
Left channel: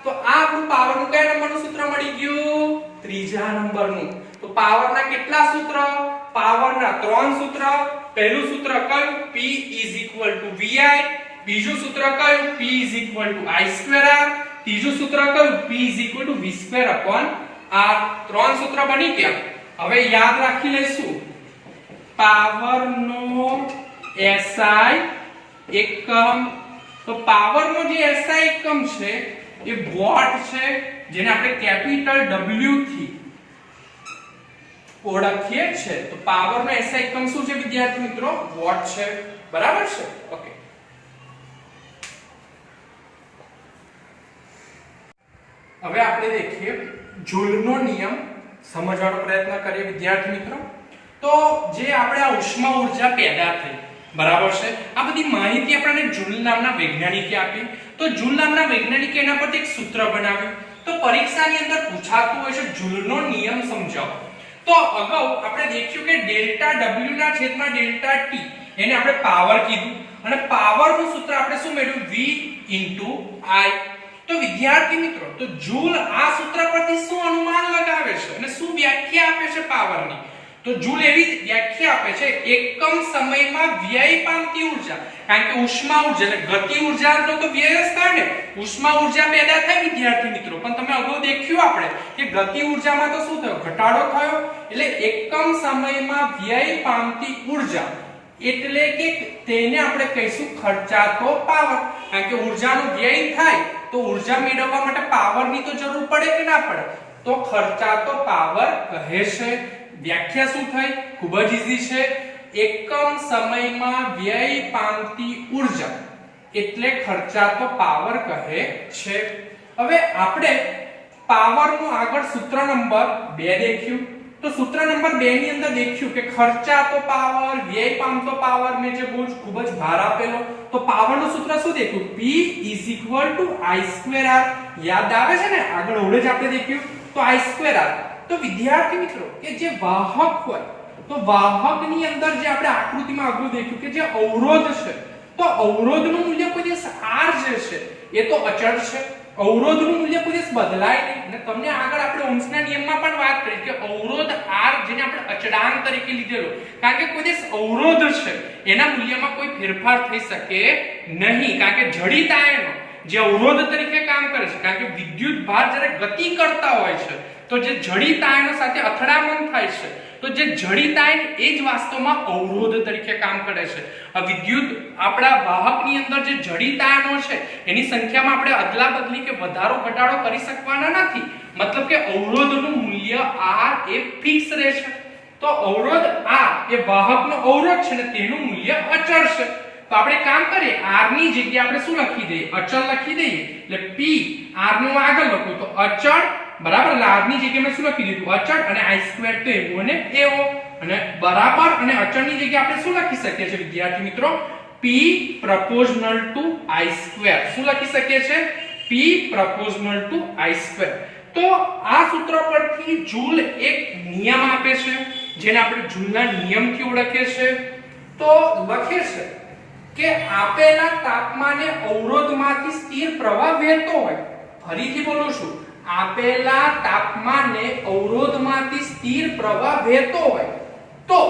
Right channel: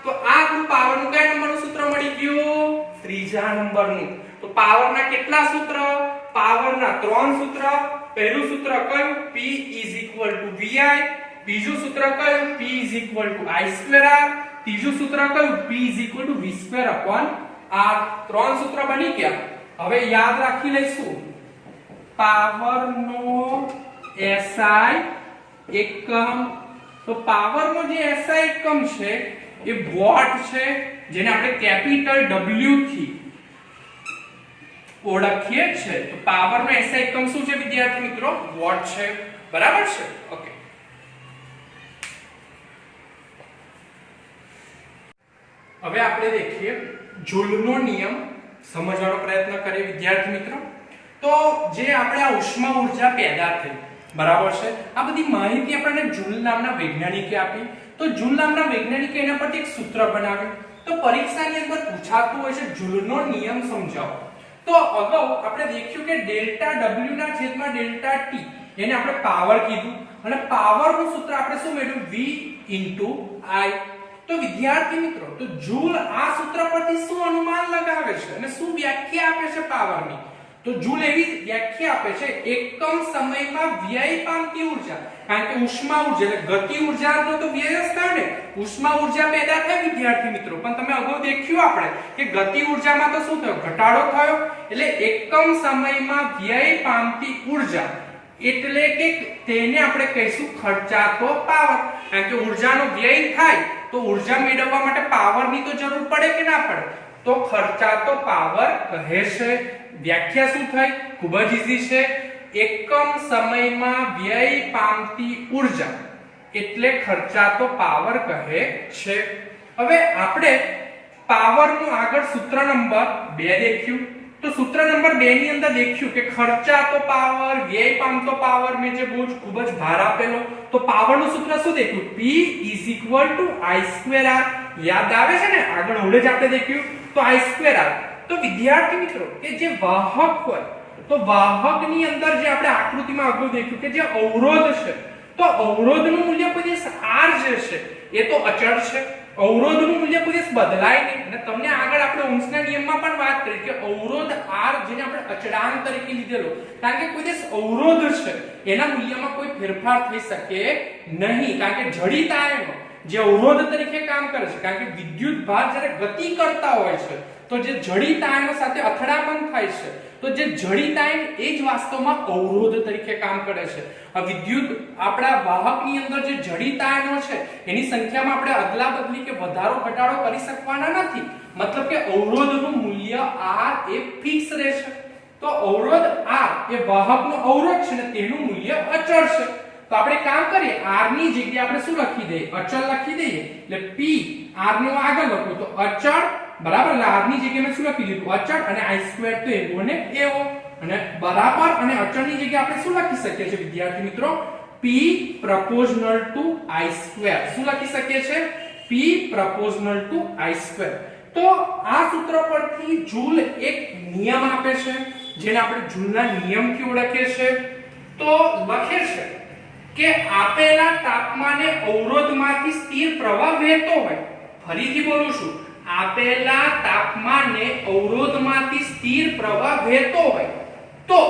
તો આ આપણું પાવર નું કયા નંબરનું સૂત્ર મળી ગયું? ત્રીજા નંબરનું. તો પાવરના કેટલા સૂત્ર? પાવરના 3 સૂત્ર. પહેલું સૂત્ર કયું? P = VI. બીજું સૂત્ર કયું? P = I²R. ત્રીજું સૂત્ર કયું? P = V²/R. 3 સૂત્ર બની ગયા. હવે યાદ રાખી લઈશું પાવરનો SI એકમ. તો પાવરનો જે SI એકમ છે એ વોટ છે. જેને આપણે કેપિટલ W થી ઓળખીએ છે, તો પાવર નો SI એકમ શું છે વિદ્યાર્થી મિત્રો? વોટ છે, બરાબર છે? ઓકે, હવે આપણે દેખીએ જૂલનો નિયમ સમજવાનો પ્રયત્ન કરીએ વિદ્યાર્થી મિત્રો. તો જે આપણે આ ઉષ્મા ઉર્જા પેદા થઈ, બરાબર છે, આ બધી માહિતી આપણને જૂલ નામના વૈજ્ઞાનિકે આપી. તો જૂલ નામના વૈજ્ઞાનિકે એના પરથી એક સૂત્ર બનાવ્યું. તો પરીક્ષાની અંદર પૂછાતું હોય છે જૂલનો નિયમ સમજાવો. તો અગાઉ આપણે દેખ્યું કે ડેલ્ટા W ના છેદમાં ડેલ્ટા T એને આપણે પાવર કીધું અને પાવર નું સૂત્ર આપણે શું મેળવ્યું? V I. તો વિદ્યાર્થી મિત્રો, તો જૂલ આ સૂત્ર પરથી શું અનુમાન લગાવે છે અને શું વ્યાખ્યા આપે છે પાવરની? તો જૂલ એવી વ્યાખ્યા આપે છે એકમ સમયમાં વ્યય પામતી ઉર્જા. કારણ કે ઉષ્મા ઉર્જા એટલે ગતિ ઉર્જાનો તો વ્યય જ થાય ને. ઉષ્મા ઉર્જા પેદા થાય વિદ્યાર્થી મિત્રો, પણ તમે અગાઉ દેખ્યું આપણે કે ગતિ ઉર્જામાં તો શું થયો? ઘટાડો થયો. એટલે એકમ સમયમાં વ્યય પામતી ઉર્જા એટલે કે તેને આપણે કહીશું ખર્ચાતો પાવર. કારણ કે ઉર્જાનો વ્યય થાય તો ઉર્જા મેળવવા માટે પાવરની તો જરૂર પડે કે ના પડે? તો ખર્ચાતો પાવર કહે છે. વ્યાખ્યા શું થઈ? ખૂબ જ ઈઝી છે. એકમ સમયમાં વ્યય પામતી ઉર્જા એટલે ખર્ચાતો પાવર કહે છે. હવે આપણે પાવરનું આગળ સૂત્ર નંબર 2 દેખ્યું. તો સૂત્ર નંબર 2 ની અંદર દેખ્યું કે ખર્ચાતો પાવર, વ્યય પામતો પાવર, મેં જે બહુ ખૂબ જ ભાર આપેલો. તો પાવરનું સૂત્ર શું દેખ્યું? P I²R. યાદ આવે છે ને? આગળ ઓળે જ આપણે દેખ્યું. તો I²R. તો વિદ્યાર્થી મિત્રો, કે જે વાહક હોય તો વાહકની અંદર જે આપણે આકૃતિમાં આગળ દેખ્યું કે જે અવરોધ છે, તો અવરોધનું મૂલ્ય કોઈ દિવસ R જે છે એ તો અચળ છે. અવરોધનું મૂલ્ય કોઈ દિવસ બદલાય નહીં. અને તમને આગળ આપણે ઓહ્મના નિયમમાં પણ વાત કરી કે અવરોધ R જેને આપણે અચળાંક તરીકે લીધેલો, કારણ કે કોઈ દિવસ અવરોધ છે એના મૂલ્યમાં કોઈ ફેરફાર થઈ શકે નહીં. કારણ કે જડિત આયનો જે અવરોધ તરીકે કામ કરે છે, કારણ કે વિદ્યુત ભાર જ્યારે ગતિ કરતા હોય છે તો જે જડિત આયનો સાથે અથડામણ થાય છે, તો જે જડિત આયન એ જ વાસ્તવમાં અવરોધ તરીકે કામ કરે છે. આ વિદ્યુત આપણા વાહકની અંદર જે જડિત આયનો છે એની સંખ્યામાં આપણે અદલા બદલી કે વધારો ઘટાડો કરી શકવાના નથી. મતલબ કે અવરોધનું મૂલ્ય R એ ફિક્સ રહેશે. તો અવરોધ R એ વાહકનો અવરોધ છે ને તેનું મૂલ્ય અચળ છે. તો આપણે કામ કરીએ, R ની જગ્યાએ આપણે શું લખી દઈએ? અચળ લખી દઈએ. એટલે P R નું આગળ લખું તો અચળ, બરાબર. R ની જગ્યાએ મેં શું લખી દીધું? અચળ. અને I² તો એવો ને એવો. અને બરાબર. અને અચળની જગ્યાએ આપણે શું લખી શકીએ છીએ વિદ્યાર્થી મિત્રો? P proportional to I². શું લખી શકીએ છીએ? P proportional to I². તો આ સૂત્ર પરથી જૂલ એક નિયમ આપે છે જેને આપણે જૂલના નિયમથી ઓળખીએ છીએ. તો લખે છે કે આપેલા તાપમાને અવરોધમાંથી સ્થિર પ્રવાહ વહેતો હોય. ફરીથી બોલું છું, આપેલા તાપમાને અવરોધમાંથી સ્થિર પ્રવાહ વહેતો હોય તો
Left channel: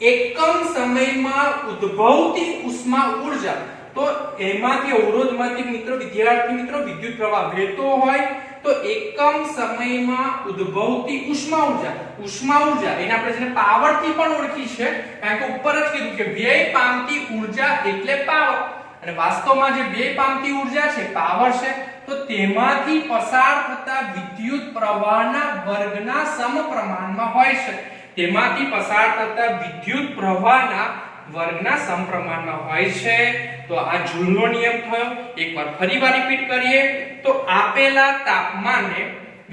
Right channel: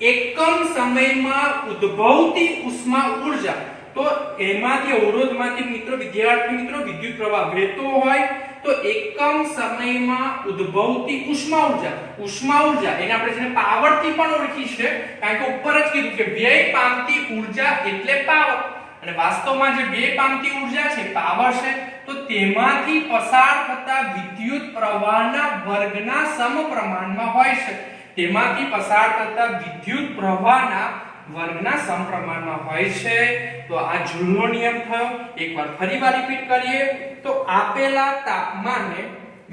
એકમ સમયમાં ઉદ્ભવતી ઉષ્મા ઉર્જા, તો એમાંથી અવરોધમાંથી વિદ્યાર્થી મિત્રો વિદ્યુત પ્રવાહ વહેતો હોય તો એકમ સમયમાં ઉદ્ભવતી ઉષ્મા ઉર્જા એને આપણે જેને પાવર થી પણ ઓળખી છે, કારણ કે ઉપર જ કીધું કે વ્યય પામતી ઉર્જા એટલે પાવર. અને વાસ્તવમાં જે વ્યય પામતી ઉર્જા છે પાવર છે. તો તેમાંથી પસાર થતા વિદ્યુત પ્રવાહના વર્ગના સમપ્રમાણમાં હોય છે. તેમાંથી પસાર થતા વિદ્યુત પ્રવાહના વર્ગના સમપ્રમાણમાં હોય છે. તો આ જૂલનો નિયમ થયો. એકવાર ફરીવાર રિપીટ કરીએ તો આપેલા તાપમાને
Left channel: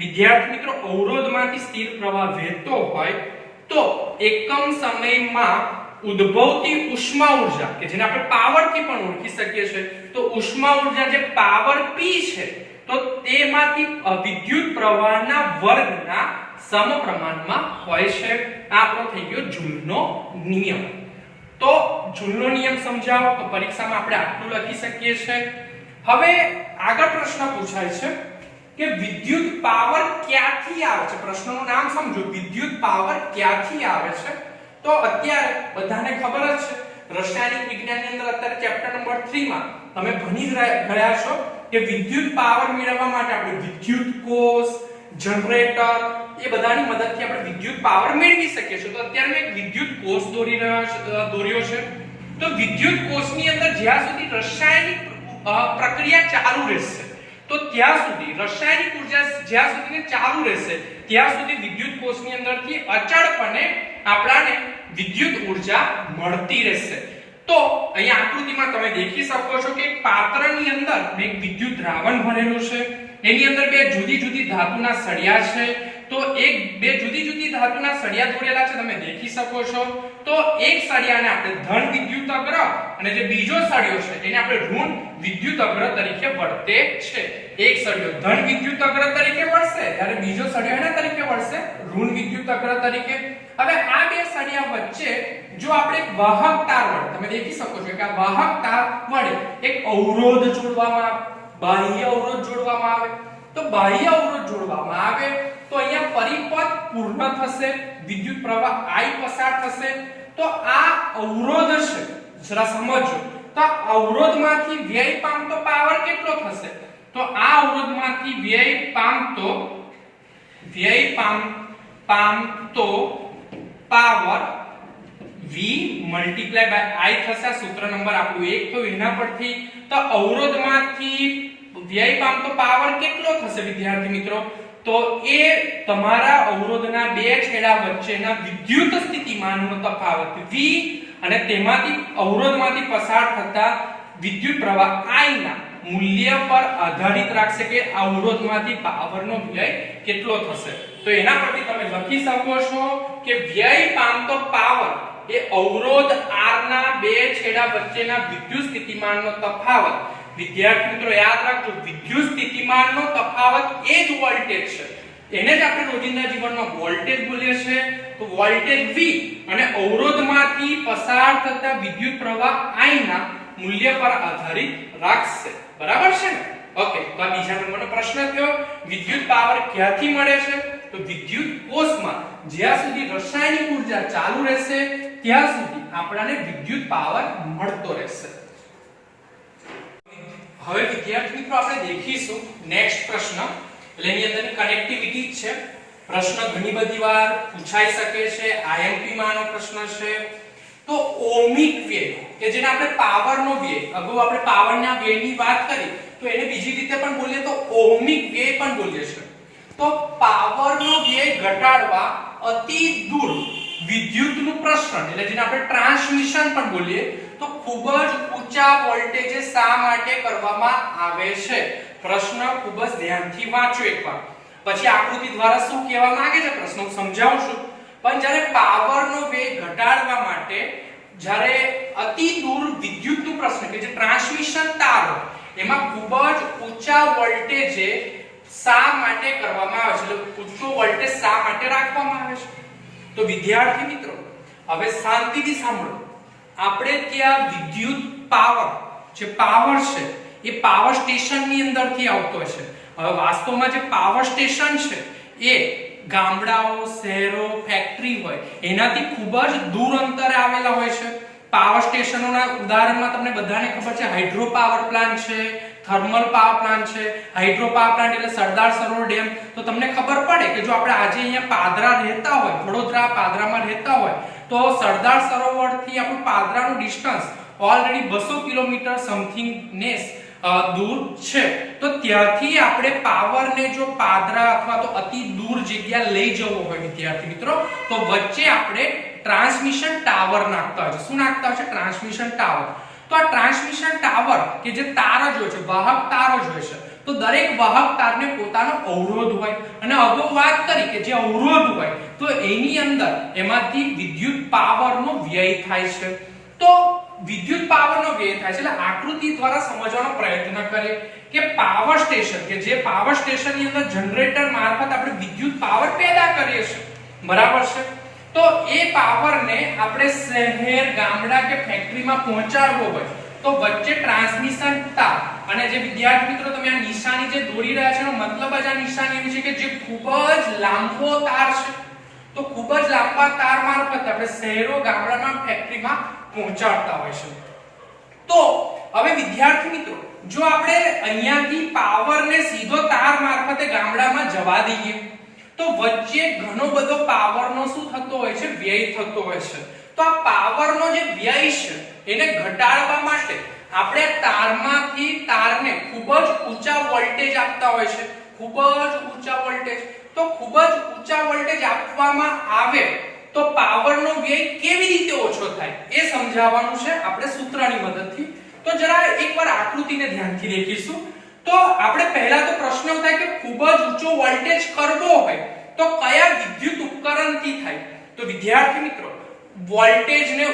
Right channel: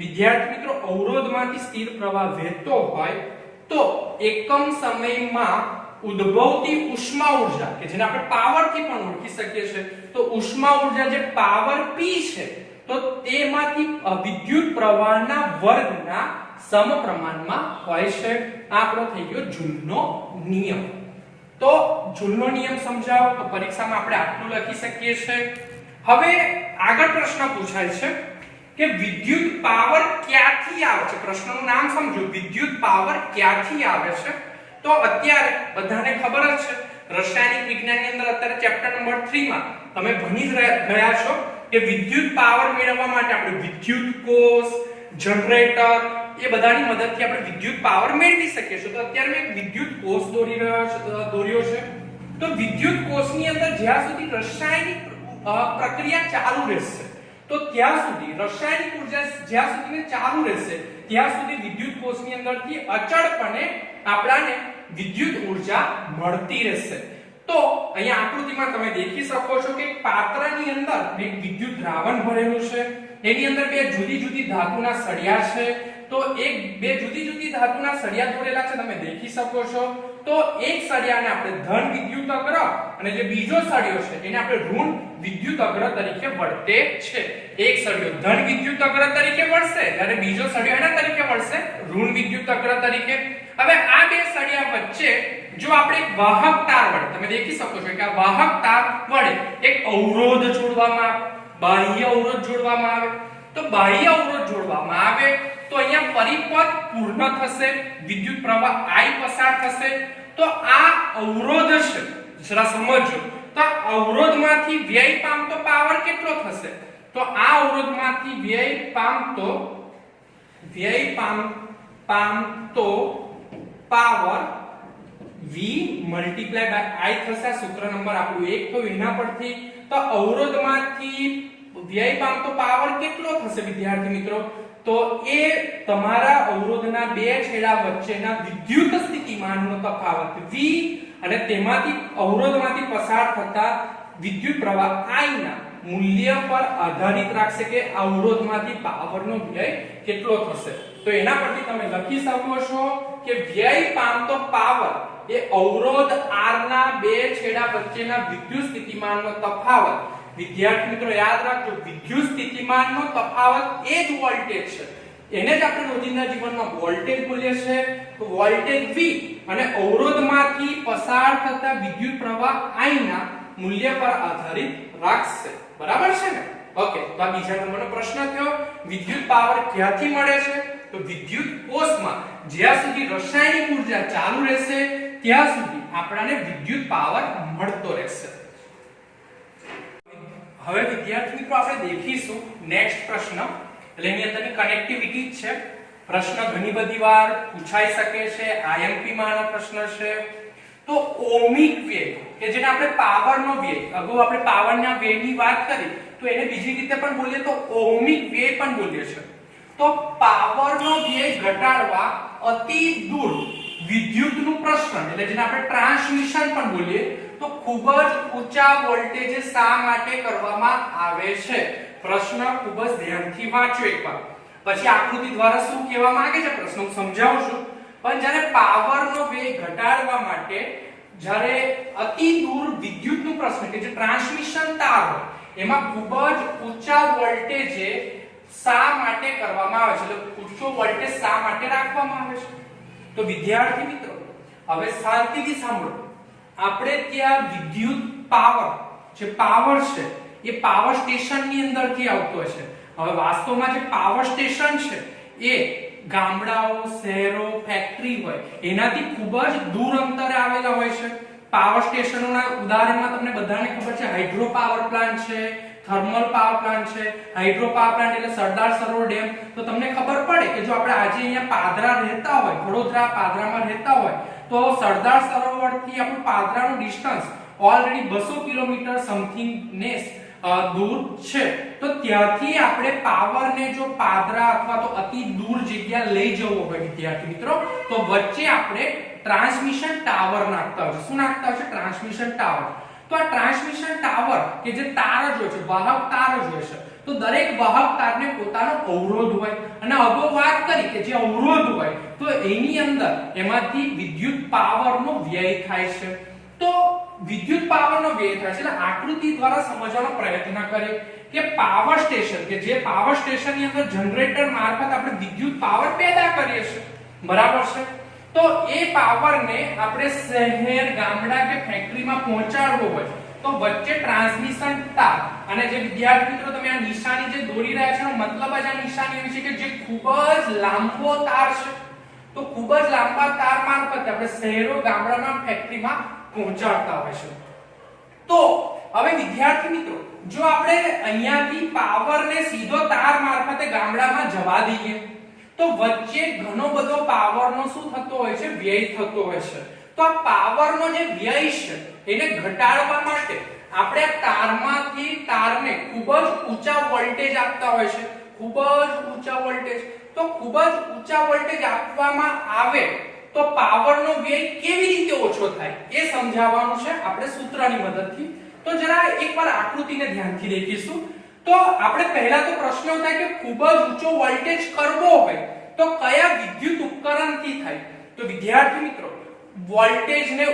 વિદ્યાર્થી મિત્રો અવરોધમાંથી સ્થિર પ્રવાહ વહેતો હોય તો એકમ સમયમાં ઉદ્ભવતી ઉષ્મા ઉર્જા કે જેને આપણે પાવર થી પણ ઓળખી શકીએ છીએ, તો ઉષ્મા ઉર્જા જે પાવર P છે તો તેમાંથી વિદ્યુત પ્રવાહના વર્ગના સમપ્રમાણમાં હોય છે. આ આપણો થઈ ગયો જૂલનો નિયમ. તો જૂલનો નિયમ સમજાવો તો પરીક્ષામાં આપણે આટલું લખી શકીએ છીએ. હવે આગળ પ્રશ્ન પૂછાય છે કે વિદ્યુત પાવર ક્યાંથી આવે છે? પ્રશ્નનું નામ સમજો, વિદ્યુત પાવર ક્યાંથી આવે છે? તો અત્યારે બધાને ખબર જ છે, રાસાયણિક વિજ્ઞાનની અંદર અત્યારે ચેપ્ટર નંબર 3 માં તમે ભણી ગયા છો કે વિદ્યુત પાવર મેળવવા માટે આપણે વિદ્યુત કોષ, જનરેટર એ બધાની મદદથી આપણે વિદ્યુત પાવર મેળવી શકીએ છીએ. તો અત્યારે મેં એક વિદ્યુત કોષ દોર્યો છે. તો વિદ્યુત કોષની અંદર જ્યાં સુધી રાસાયણિક પ્રક્રિયા ચાલુ રહેશે તો ત્યાં સુધી રાસાયણિક ઉર્જા જ્યાં સુધી ચાલુ રહેશે ત્યાં સુધી વિદ્યુત કોષની અંદરથી અચળપણે આપણાને વિદ્યુત ઉર્જા મળતી રહેશે. તો અહીંયા આકૃતિમાં તમે દેખી શકો છો કે એક પાત્રની અંદર એક વિદ્યુત દ્રાવણ ભરેલું છે, એની અંદર બે જુદી જુદી ધાતુના સળિયા છે. તો બે જુદી જુદી ધાતુના સળિયા દોરેલા છે, તમે દેખી શકો છો. તો એક સળિયાને આપણે ધન વિદ્યુત અગ્ર અને જે બીજો સળિયો છે એને આપણે ઋણ વિદ્યુત અગ્ર તરીકે વર્તે છે. એક સળિયો ધન વિદ્યુત અગ્ર તરીકે વર્તશે, જ્યારે બીજો સળિયો એના તરીકે વર્તશે ઋણ વિદ્યુત અગ્ર તરીકે. હવે આ બે સળિયા વચ્ચે જો આપણે એક વાહક તાર વડે, તમે દેખી શકો છો કે આ વાહક તાર વડે એક અવરોધ જોડવામાં આવે, બાહ્ય અવરોધ જોડવામાં આવે. તો બાહ્ય અવરોધ જોડવામાં આવે તો અહીંયા પરિપથ પૂર્ણ થશે, વિદ્યુત પ્રવાહ I પસાર થશે. તો આ અવરોધ છે, જરા સમજો. તો આ અવરોધમાંથી વ્યય પામતો પાવર કેટલો થશે? તો આ અવરોધમાંથી વ્યય પામતો power V multiply by I થશે. સૂત્ર નંબર આપણું 1 તો એના પરથી તો અવરોધમાંથી વ્યય પામતો પાવર કેટલો થશે વિદ્યાર્થી મિત્રો? તો એ તમારા અવરોધના બે છેડા વચ્ચેના વિદ્યુત સ્થિતિમાનનો તફાવત V અને તેમાંથી અવરોધમાંથી પસાર થતા વિદ્યુત પ્રવાહ I ના મૂલ્ય પર આધારિત રાખશે કે અવરોધમાંથી પાવરનો વ્યય કેટલો થશે. તો એના પરથી તમે લખી શકો છો કે વ્યય પામતો પાવર એ અવરોધ R ના બે છેડા વચ્ચેના વિદ્યુત સ્થિતિમાનનો તફાવત. વિદ્યાર્થી મિત્રો યાદ રાખજો, વિદ્યુત સ્થિતિમાનનો તફાવત એ જ વોલ્ટેજ છે. એને જ આપણે રોજિંદા જીવનમાં વોલ્ટેજ બોલીએ છીએ. તો વોલ્ટેજ V અને અવરોધમાંથી પસાર થતા વિદ્યુત પ્રવાહ I ના મૂલ્ય પર આધારિત રાખશે. બરાબર છે ને? ઓકે, તો આ બીજા નંબરનો પ્રશ્ન થયો. વિદ્યુત પાવર ક્યાંથી મળે છે? તો વિદ્યુત કોષમાં જ્યાં સુધી રાસાયણિક ઉર્જા ચાલુ રહેશે ત્યાં સુધી આપણને વિદ્યુત પાવર મળતો રહેશે. હવે વિદ્યાર્થી મિત્રો આપણે દેખીશું નેક્સ્ટ પ્રશ્ન. એટલે એની અંદરની કનેક્ટિવિટી છે. પ્રશ્ન ઘણી બધી વાર પૂછાઈ શકે છે, IMP માં આનો પ્રશ્ન છે. તો ઓહમિક વ્યય કે જેને આપણે પાવરનો વ્યય, અગાઉ આપણે પાવરના વ્યયની વાત કરી તો એને બીજી રીતે પણ બોલીએ તો ઓહમિક વ્યય પણ બોલીએ છીએ. તો પાવરનો વ્યય ઘટાડવા અતિ દૂર વિદ્યુતનું પ્રસરણ એટલે જેને આપણે ટ્રાન્સમિશન પણ બોલીએ તો ખૂબ જ ઊંચા વોલ્ટેજે શા માટે કરવામાં આવે છે? પ્રશ્ન ખૂબ જ ધ્યાનથી વાંચો એકવાર, પછી આકૃતિ દ્વારા શું કહેવા માંગે છે પ્રશ્ન હું સમજાવું છું. પણ જ્યારે પાવરનો વેગ ઘટાડવા માટે જ્યારે અતિ દૂર વિદ્યુતનું પ્રસરણ કે જે ટ્રાન્સમિશન તાર એમાં ખૂબ જ ઊંચા વોલ્ટેજે શા માટે કરવામાં આવે છે, એટલે ઊંચો વોલ્ટેજ શા માટે રાખવામાં આવે છે? તો વિદ્યાર્થી મિત્રો હવે શાંતિથી સાંભળો. આપણે ત્યાં વિદ્યુત પાવર જે પાવર છે એ પાવર સ્ટેશનની અંદરથી આવતો હોય છે. હવે વાસ્તવમાં જે પાવર સ્ટેશન છે એ ગામડાઓ, શહેરો, ફેક્ટરી હોય એનાથી ખૂબ જ દૂર અંતરે આવેલા હોય છે. પાવર સ્ટેશનોના ઉદાહરણમાં તમને બધાને ખબર છે હાઇડ્રો પાવર પ્લાન્ટ છે, થર્મલ પાવર પ્લાન્ટ છે. હાઇડ્રો પાવર પ્લાન્ટ એટલે સરદાર સરોવર ડેમ. તો તમને ખબર પડે કે જો આપણે આજે અહીંયા પાદરા રહેતા હોય, વડોદરા પાદરામાં રહેતા હોય તો સરદાર સરોવરથી આપણું પાદરાનું ડિસ્ટન્સ ઓલરેડી 200 કિલોમીટર સમથિંગ ને દૂર છે. તો ત્યાંથી આપણે પાવરને જો પાદરા અથવા તો અતિ દૂર જગ્યા લઈ જવો હોય વિદ્યાર્થી મિત્રો તો વચ્ચે આપણે ટ્રાન્સમિશન ટાવર નાખતા હોય છે. શું નાખતા હોય છે? Transmission tower. તો આ ટ્રાન્સમિશન ટાવર કે જે તાર જ હોય છે, વાહક તાર જ હોય છે. તો દરેક વાહક તારને પોતાનો અવરોધ હોય અને અગાઉ વાત કરી કે જે અવરોધ હોય તો એની અંદર એમાંથી વિદ્યુત પાવરનો વ્યય થાય છે. તો વિદ્યુત પાવરનો વ્યય થાય છે એટલે આકૃતિ દ્વારા સમજવાનો પ્રયત્ન કરીએ કે પાવર સ્ટેશન કે જે પાવર સ્ટેશનની અંદર જનરેટર મારફત આપણે વિદ્યુત પાવર પેદા કરીએ છીએ. બરાબર છે? તો એ પાવરને આપણે શહેર, ગામડા કે ફેક્ટરીમાં પહોંચાડવો હોય તો વચ્ચે ટ્રાન્સમિશન તાર અને જે વિદ્યાર્થી મિત્રો તમે આ નિશાની જે દોરી રહ્યા છો એનો મતલબ જ આ નિશાની એવી છે કે જે ખૂબ જ લાંબો તાર છે. તો ખૂબ જ લાંબા તાર મારફત આપણે શહેરો, ગામડામાં, ફેક્ટરીમાં પહોંચાડતા હોય છે. તો હવે વિદ્યાર્થી મિત્રો જો આપણે અહીંયાથી પાવરને સીધો તાર મારફતે ગામડામાં જવા દઈએ તો વચ્ચે ઘણો બધો પાવરનો શું થતો હોય છે? વ્યય થતો હોય છે. તો આ પાવરનો જે વ્યય છે એને ઘટાડવા માટે આપણે તારમાંથી તારને ખૂબ જ ઊંચા વોલ્ટેજ આપતા હોય છે, ખૂબ જ ઊંચા વોલ્ટેજ. તો ખૂબ જ ઊંચા વોલ્ટેજ આપવામાં આવે તો પાવરનો વ્યય કેવી રીતે ઓછો થાય એ સમજાવવાનું છે આપણે સૂત્રની મદદથી. તો જરા એકવાર આકૃતિને ધ્યાનથી દેખીશું. તો આપણે પહેલા તો પ્રશ્ન થાય કે ખૂબ જ ઊંચો વોલ્ટેજ કરવો હોય તો કયા વિદ્યુત ઉપકરણથી થાય? તો વિદ્યાર્થી મિત્રો, વોલ્ટેજને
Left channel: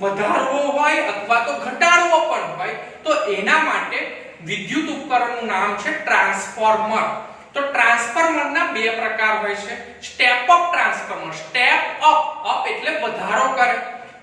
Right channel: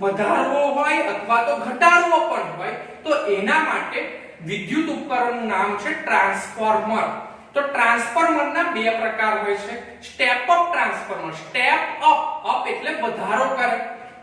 વધારવો હોય અથવા તો ઘટાડવો પણ હોય તો એના માટે વિદ્યુત ઉપકરણનું નામ છે ટ્રાન્સફોર્મર. તો ટ્રાન્સફોર્મરના બે પ્રકાર હોય છે. Step up transformer, step up એટલે વધારો કરે.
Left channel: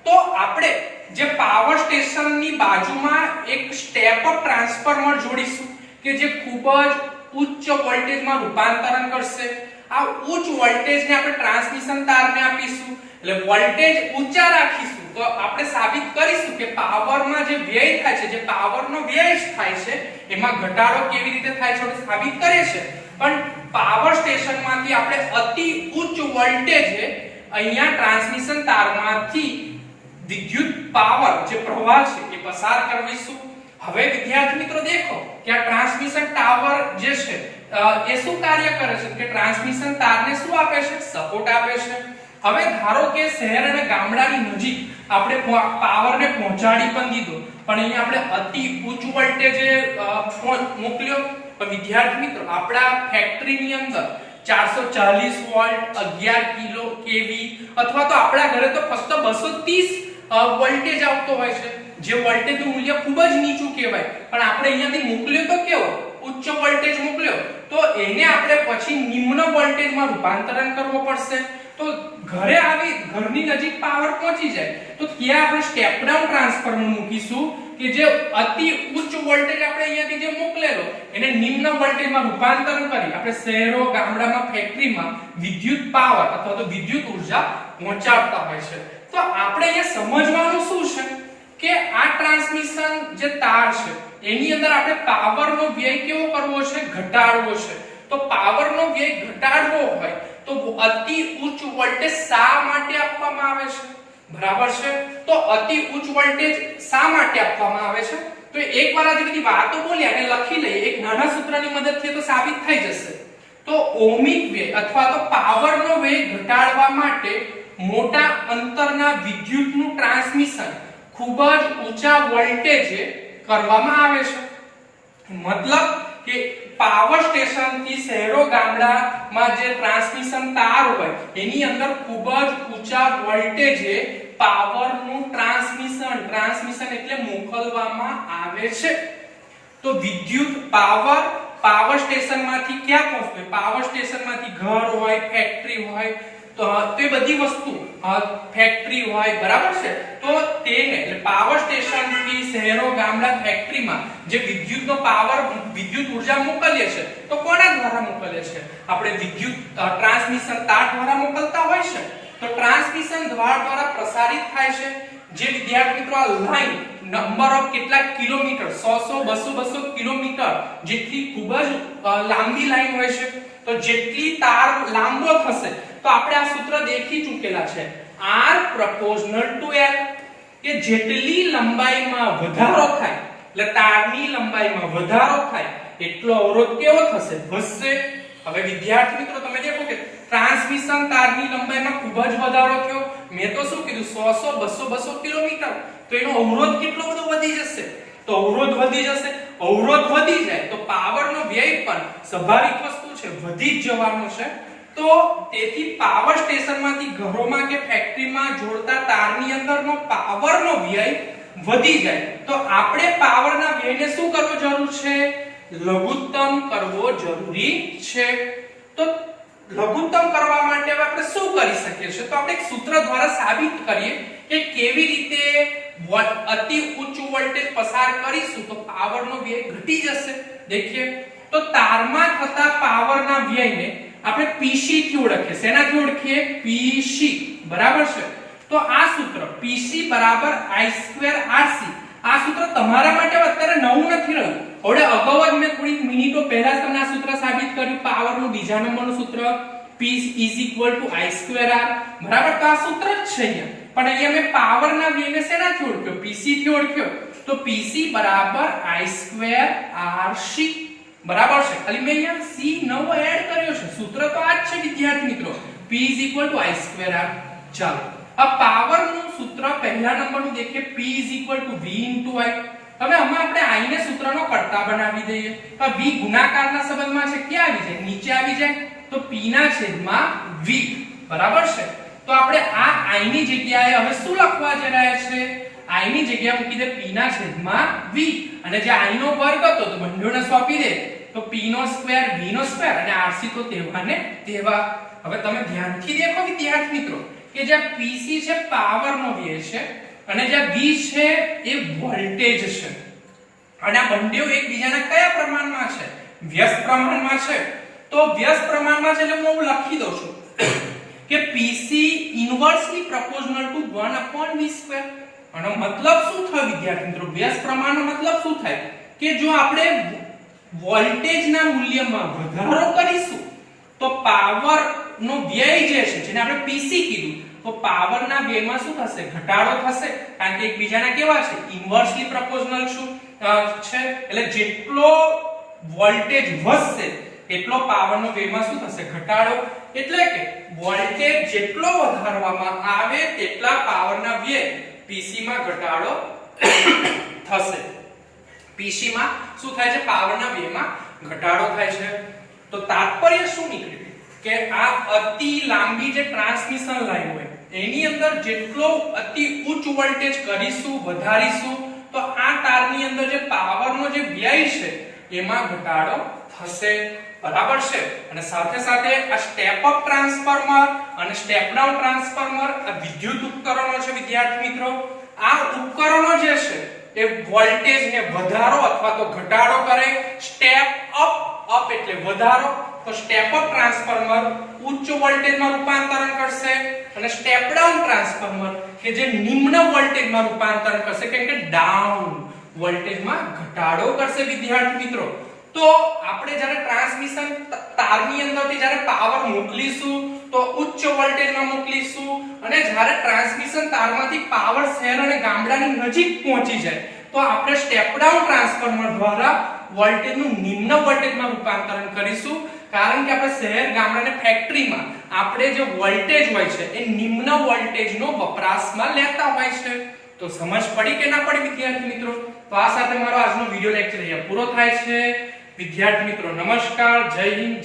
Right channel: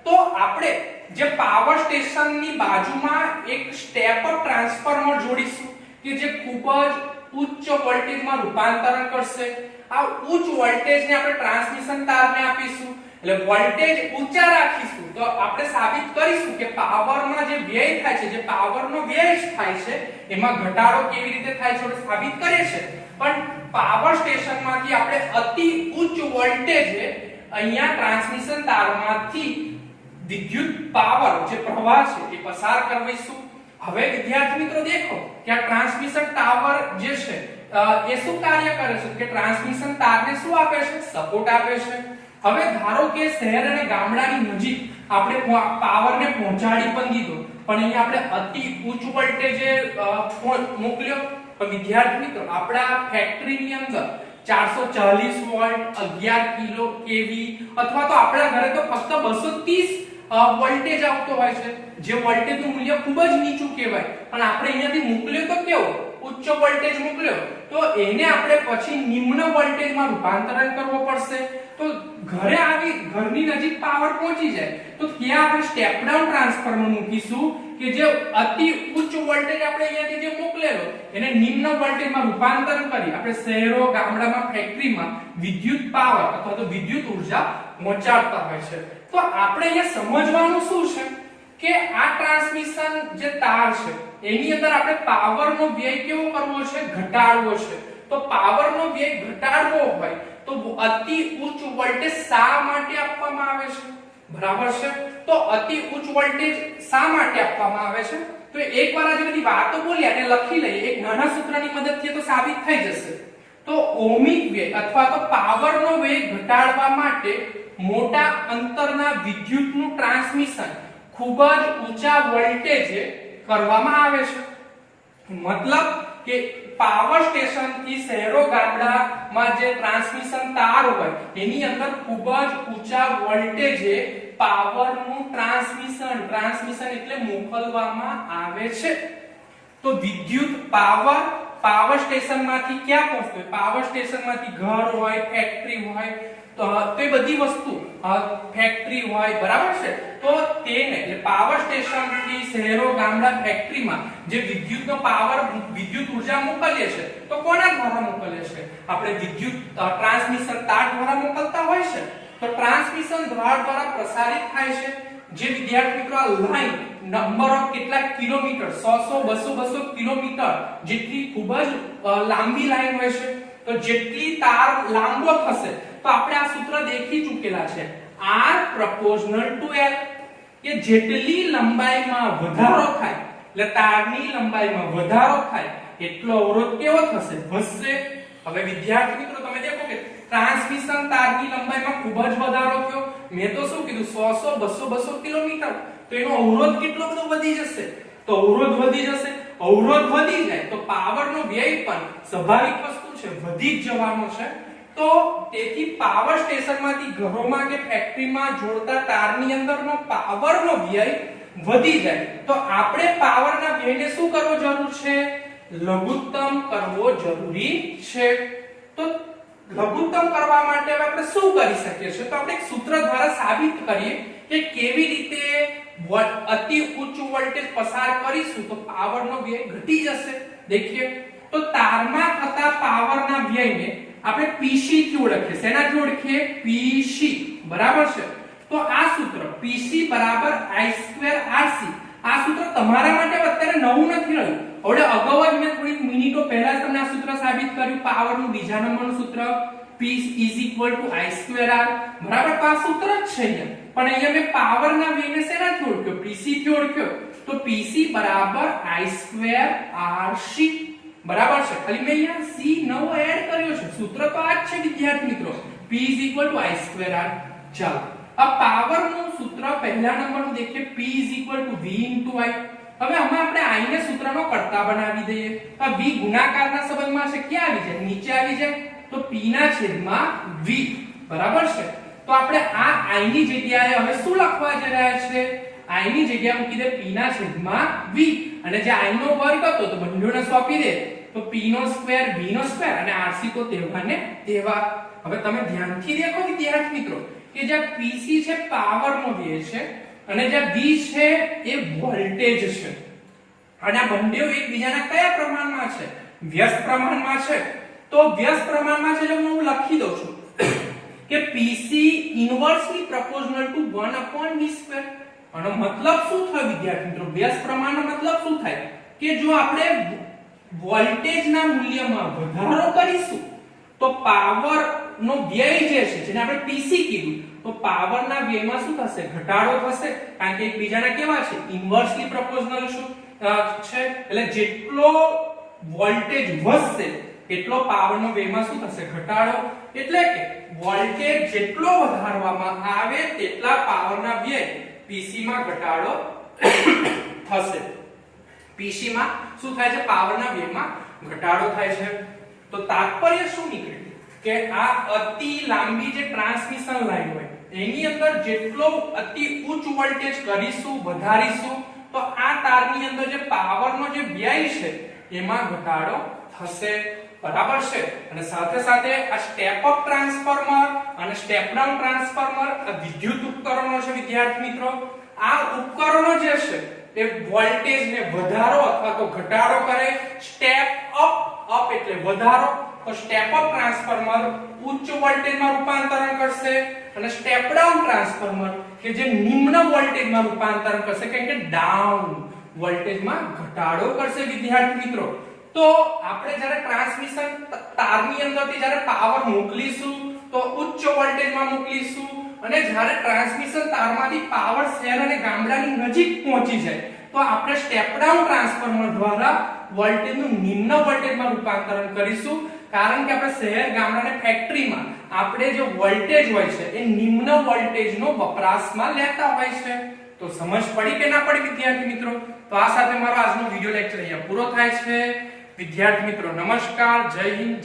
તો આપણે જે પાવર સ્ટેશનની બાજુમાં એક સ્ટેપ અપ ટ્રાન્સફોર્મર જોડીશું કે જે ખૂબ જ ઉચ્ચ વોલ્ટેજમાં રૂપાંતરણ કરશે. આ ઉચ્ચ વોલ્ટેજને આપણે ટ્રાન્સમિશન તારને આપીશું, એટલે વોલ્ટેજ ઊંચા રાખીશું તો આપણે સાબિત કરીશું કે પાવરમાં જે વ્યય થાય છે, જે પાવરનો વ્યય થાય છે એમાં ઘટાડો કેવી રીતે થાય છે આપણે સાબિત કરીએ છીએ. પણ પાવર સ્ટેશનમાંથી આપણે અતિ ઉચ્ચ વોલ્ટેજે અહીંયા ટ્રાન્સમિશન તારમાંથી વિદ્યુત પાવર જે પ્રવાહ છે એ પસાર કરવીશું. હવે વિદ્યાર્થી મિત્રો દેખો કે આ ટ્રાન્સમિશન ટાવર જે છે એ શું કાર્ય કરે છે કે ટ્રાન્સમિશન તારને શું આપે છે? સપોર્ટ આપે છે. હવે ધારો કે શહેર અને ગામડાની નજીક આપણે પાવરને પહોંચાડી પણ દીધો, પણ અહીંયા આપણે અતિ ઉચ્ચ વોલ્ટેજે મોકલ્યો. પણ વિદ્યાર્થી મિત્રો, આપણા ફેક્ટરીની અંદર 440 વોલ્ટ, 11 કિલો કેવી અથવા તો આપણા ઘરે તો ફક્ત 230 વોલ્ટેજ આવતો હોય છે, જે વોલ્ટેજનું મૂલ્ય ખૂબ જ નીચું કહેવાય. પણ આપણે અહીંયાથી મોકલ્યો તો કેવો ઉચ્ચ વોલ્ટેજ મોકલ્યો, તો એને આપણે પછી નિમ્ન વોલ્ટેજમાં રૂપાંતરણ કરવો પડશે. તો ઘરે આવી ઘરની નજીક પાવર પહોંચી જાય તો ત્યાં આપણે સ્ટેપ ડાઉન ટ્રાન્સફોર્મર મૂકીશું કે જે અતિ ઉચ્ચ વોલ્ટેજ આપણે અહીંયાથી જે મોકલેલો એને નિમ્ન વોલ્ટેજમાં રૂપાંતરણ કરી આપણે શહેરો, ગામડામાં, ફેક્ટરીમાં વિદ્યુત પાવર અથવા તો વિદ્યુત ઊર્જા પહોંચાડતા હોય છે. તો આપણે અહીંયા સમજવાનું શું છે કે આ ટ્રાન્સમિશન જે તાર છે એની અંદર આપણે પાવરનો વ્યય કેવો કરવો છે? ઘટાડવો છે. તો પાવરનો વ્યય ઘટાડવો હોય તો અતિ ઉચ્ચ વોલ્ટેજ શા માટે આપવામાં આવે છે? બરાબર છે. તો અતિ ઉચ્ચ વોલ્ટેજ શા માટે આપવામાં આવે છે? તો એકવાર આ જે બધી વાતો બોલી અને લખી લઈએ, એક નાના સૂત્રની મદદથી તો સાબિત થઈ જશે. તો ઓહમિક વ્યય અથવા તો પાવરનો વ્યય ઘટાડવા માટે મોટા અંતરના વિદ્યુતનું ટ્રાન્સમિશન ખૂબ જ ઊંચા વોલ્ટેજે કરવામાં આવે છે. મતલબ કે પાવર સ્ટેશન થી શહેરો ગામડામાં જે ટ્રાન્સમિશન તાર હોય એની અંદર ખૂબ જ ઊંચા વોલ્ટેજે પાવરનું ટ્રાન્સમિશન એટલે મોકલવામાં આવે છે. તો વિદ્યુત પાવર સ્ટેશનમાંથી ક્યાં પહોંચે? પાવર સ્ટેશનમાંથી ઘર હોય, ફેક્ટરી હોય, તો એ બધી વસ્તુ ફેક્ટરી હોય, બરાબર છે. તો તેને એટલે પાવર સ્ટેશન થી શહેરો, ગામડા, ફેક્ટરીમાં જે વિદ્યુતનો પાવર, વિદ્યુત ઊર્જા મોકલીએ છે તો કોના દ્વારા મોકલીએ છે? આપણે વિદ્યુત ટ્રાન્સમિશન તાર દ્વારા મોકલતા હોય છે. તો ટ્રાન્સમિશન દ્વારા પ્રસારિત થાય છે. જે વિદ્યાર્થી મિત્રો આ લાઈન નંબર ઓફ કેટલા કિલોમીટર 100 200 કિલોમીટર જેટલી ખૂબ જ લાંબી લાઈન હોય છે, તો જેટલી તાર લાંબો થશે તો આપણે આ સૂત્ર દેખી ચૂકેલા છે, R proportional to L, કે જેટલી લંબાઈમાં વધારો થાય એટલે તારની લંબાઈમાં વધારો થાય એટલો અવરોધ કેવો થશે? વધશે. હવે વિદ્યાર્થી મિત્રો તમે દેખો કે ટ્રાન્સમિશન તારની લંબાઈમાં ખૂબ જ વધારો થયો. મેં તો શું કીધું 100 200 કિલોમીટર, તો એનો અવરોધ કેટલો બધો વધી જશે? તો અવરોધ વધી જશે. અવરોધ વધી જાય તો પાવરનો વ્યય પણ સ્વાભાવિક વસ્તુ છે, વધી જ જવાનો છે. તો તેથી પાવર સ્ટેશનમાંથી ઘરોમાં કે ફેક્ટરીમાં જોડતા તારની અંદરનો પાવરનો વ્યય વધી જાય. તો આપણે પાવરના વ્યયને શું કરવો જરૂર છે? લઘુત્તમ કરવો જરૂરી છે. તો લઘુત્તમ કરવા માટે આપણે શું કરી શકીએ છીએ? તો આપણે એક સૂત્ર દ્વારા સાબિત કરીએ કે કેવી રીતે અતિ ઉચ્ચ વોલ્ટેજ પસાર કરીશું તો પાવરનો વ્યય ઘટી જશે. દેખીએ તો તારમાં થતા પાવરના વ્યયને આપણે PC થી ઓળખીએ. શેનાથી ઓળખીએ? PC, બરાબર છે. તો આ સૂત્ર PC બરાબર I2RC. આ સૂત્ર તમારા માટે અત્યારે નવું નથી રહ્યું. હવે અગાઉ જ મેં થોડી મિનિટો પહેલા જ તમને આ સૂત્ર સાબિત કર્યું. પાવરનું બીજા નંબરનું સૂત્ર P I2R, બરાબર. તો આ સૂત્ર જ છે અહીંયા. પણ અહીંયા મેં પાવરના વ્યયને શેનાથી ઓળખ્યો? PC થી ઓળખ્યો. તો PC બરાબર I2RC બરાબર છે. ખાલી મેં અહીંયા C નવો એડ કર્યો છે. સૂત્ર તો આ જ છે વિદ્યાર્થી મિત્રો, P I2R. ચાલો આ પાવર નું સૂત્ર પહેલા નંબરનું દેખીએ, P V I. હવે આમાં આપણે I ને સૂત્રનો કર્તા બનાવી દઈએ. આ V ગુણાકારના સંબંધમાં છે, ક્યાં આવી જાય? નીચે આવી જાય. તો P ના છેદમાં V બરાબર છે. તો આપણે આ I ની જગ્યાએ હવે શું લખવા જઈ રહ્યા છે? I ની જગ્યાએ મૂકી દે P ના છેદમાં V, અને જે I નો વર્ગ હતો તો બંનેને સોંપી દે, તો P નો સ્ક્વેર V નો સ્ક્વેર અને RC તો તેવાને તેવા. હવે તમે ધ્યાનથી દેખો વિદ્યાર્થી મિત્રો કે જે PC છે પાવર નો વ્યય છે અને જે V છે એ વોલ્ટેજ છે, અને આ બંને એકબીજાના કયા પ્રમાણમાં છે? વ્યસ્ત પ્રમાણમાં છે. તો વ્યસ્ત પ્રમાણમાં છે એટલે હું લખી દઉં છું કે PC ઇન્વર્સલી પ્રોપોર્શનલ ટુ 1/v². આનો મતલબ શું થયો વિદ્યાર્થી મિત્રો? વ્યસ્ત પ્રમાણનો મતલબ શું થાય કે જો આપણે વોલ્ટેજના મૂલ્યમાં વધારો કરીશું તો પાવર નો વ્યય જે છે, જેને આપણે PC કીધું, તો પાવરના વ્યયમાં શું થશે? ઘટાડો થશે, કારણ કે એકબીજાના કેવા છે? ઇન્વર્સલી પ્રોપોર્શનલ છે. એટલે જેટલો વોલ્ટેજ વધશે એટલો પાવરનો વ્યયમાં શું થશે? ઘટાડો. એટલે કે વોલ્ટેજ જેટલો વધારવામાં આવે તેટલા પાવરના વ્યય PC માં ઘટાડો થશે. PC માં શું થાય છે? પાવરના વ્યયમાં ઘટાડો થાય છે. તો તાત્પર્ય શું નીકળે કે આ અતિ લાંબી જે ટ્રાન્સમિશન લાઈન હોય એની અંદર જેટલો અતિ ઉચ્ચ વોલ્ટેજ કરીશું, વધારીશું, તો આ તારની અંદર જે પાવરનો જે વ્યય છે એમાં ઘટાડો થશે. બરાબર છે. અને સાથે સાથે આ સ્ટેપ અપ ટ્રાન્સફોર્મર અને સ્ટેપ ડાઉન ટ્રાન્સફોર્મર આ વિદ્યુત ઉપકરણો છે વિદ્યાર્થી મિત્રો. આ ઉપકરણો જે છે એ વોલ્ટેજને વધારો અથવા તો ઘટાડો કરે. સ્ટેપ અપ એટલે વધારો, તો સ્ટેપ અપ ટ્રાન્સફોર્મર ઉચ્ચ વોલ્ટેજમાં રૂપાંતરણ કરશે, અને સ્ટેપ ડાઉન ટ્રાન્સફોર્મર કે જે નિમ્ન વોલ્ટેજમાં રૂપાંતરણ કરશે, કેમ કે ડાઉન વોલ્ટેજમાં ઘટાડો કરશે વિદ્યાર્થી મિત્રો. તો આપણે જ્યારે ટ્રાન્સમિશન તારની અંદરથી જ્યારે પાવર મોકલીશું તો ઉચ્ચ વોલ્ટેજમાં મોકલીશું, અને જ્યારે ટ્રાન્સમિશન તારમાંથી પાવર શહેર અને ગામડાની નજીક પહોંચી જાય તો આપણે સ્ટેપ ડાઉન ટ્રાન્સફોર્મર દ્વારા વોલ્ટેજનું નિમ્ન વોલ્ટેજમાં રૂપાંતરણ કરીશું. કારણ કે આપણે શહેર ગામડા અને ફેક્ટરીમાં આપણે જે વોલ્ટેજ હોય છે એ નિમ્ન વોલ્ટેજનો વપરાશમાં લેતા હોય છે. તો સમજ પડી કે ના પડી વિદ્યાર્થી મિત્રો? તો આ સાથે મારો આજનો વિડિયો લેક્ચર અહીંયા પૂરો થાય છે. વિદ્યાર્થી મિત્રો નમસ્કાર, જય હિન્દ.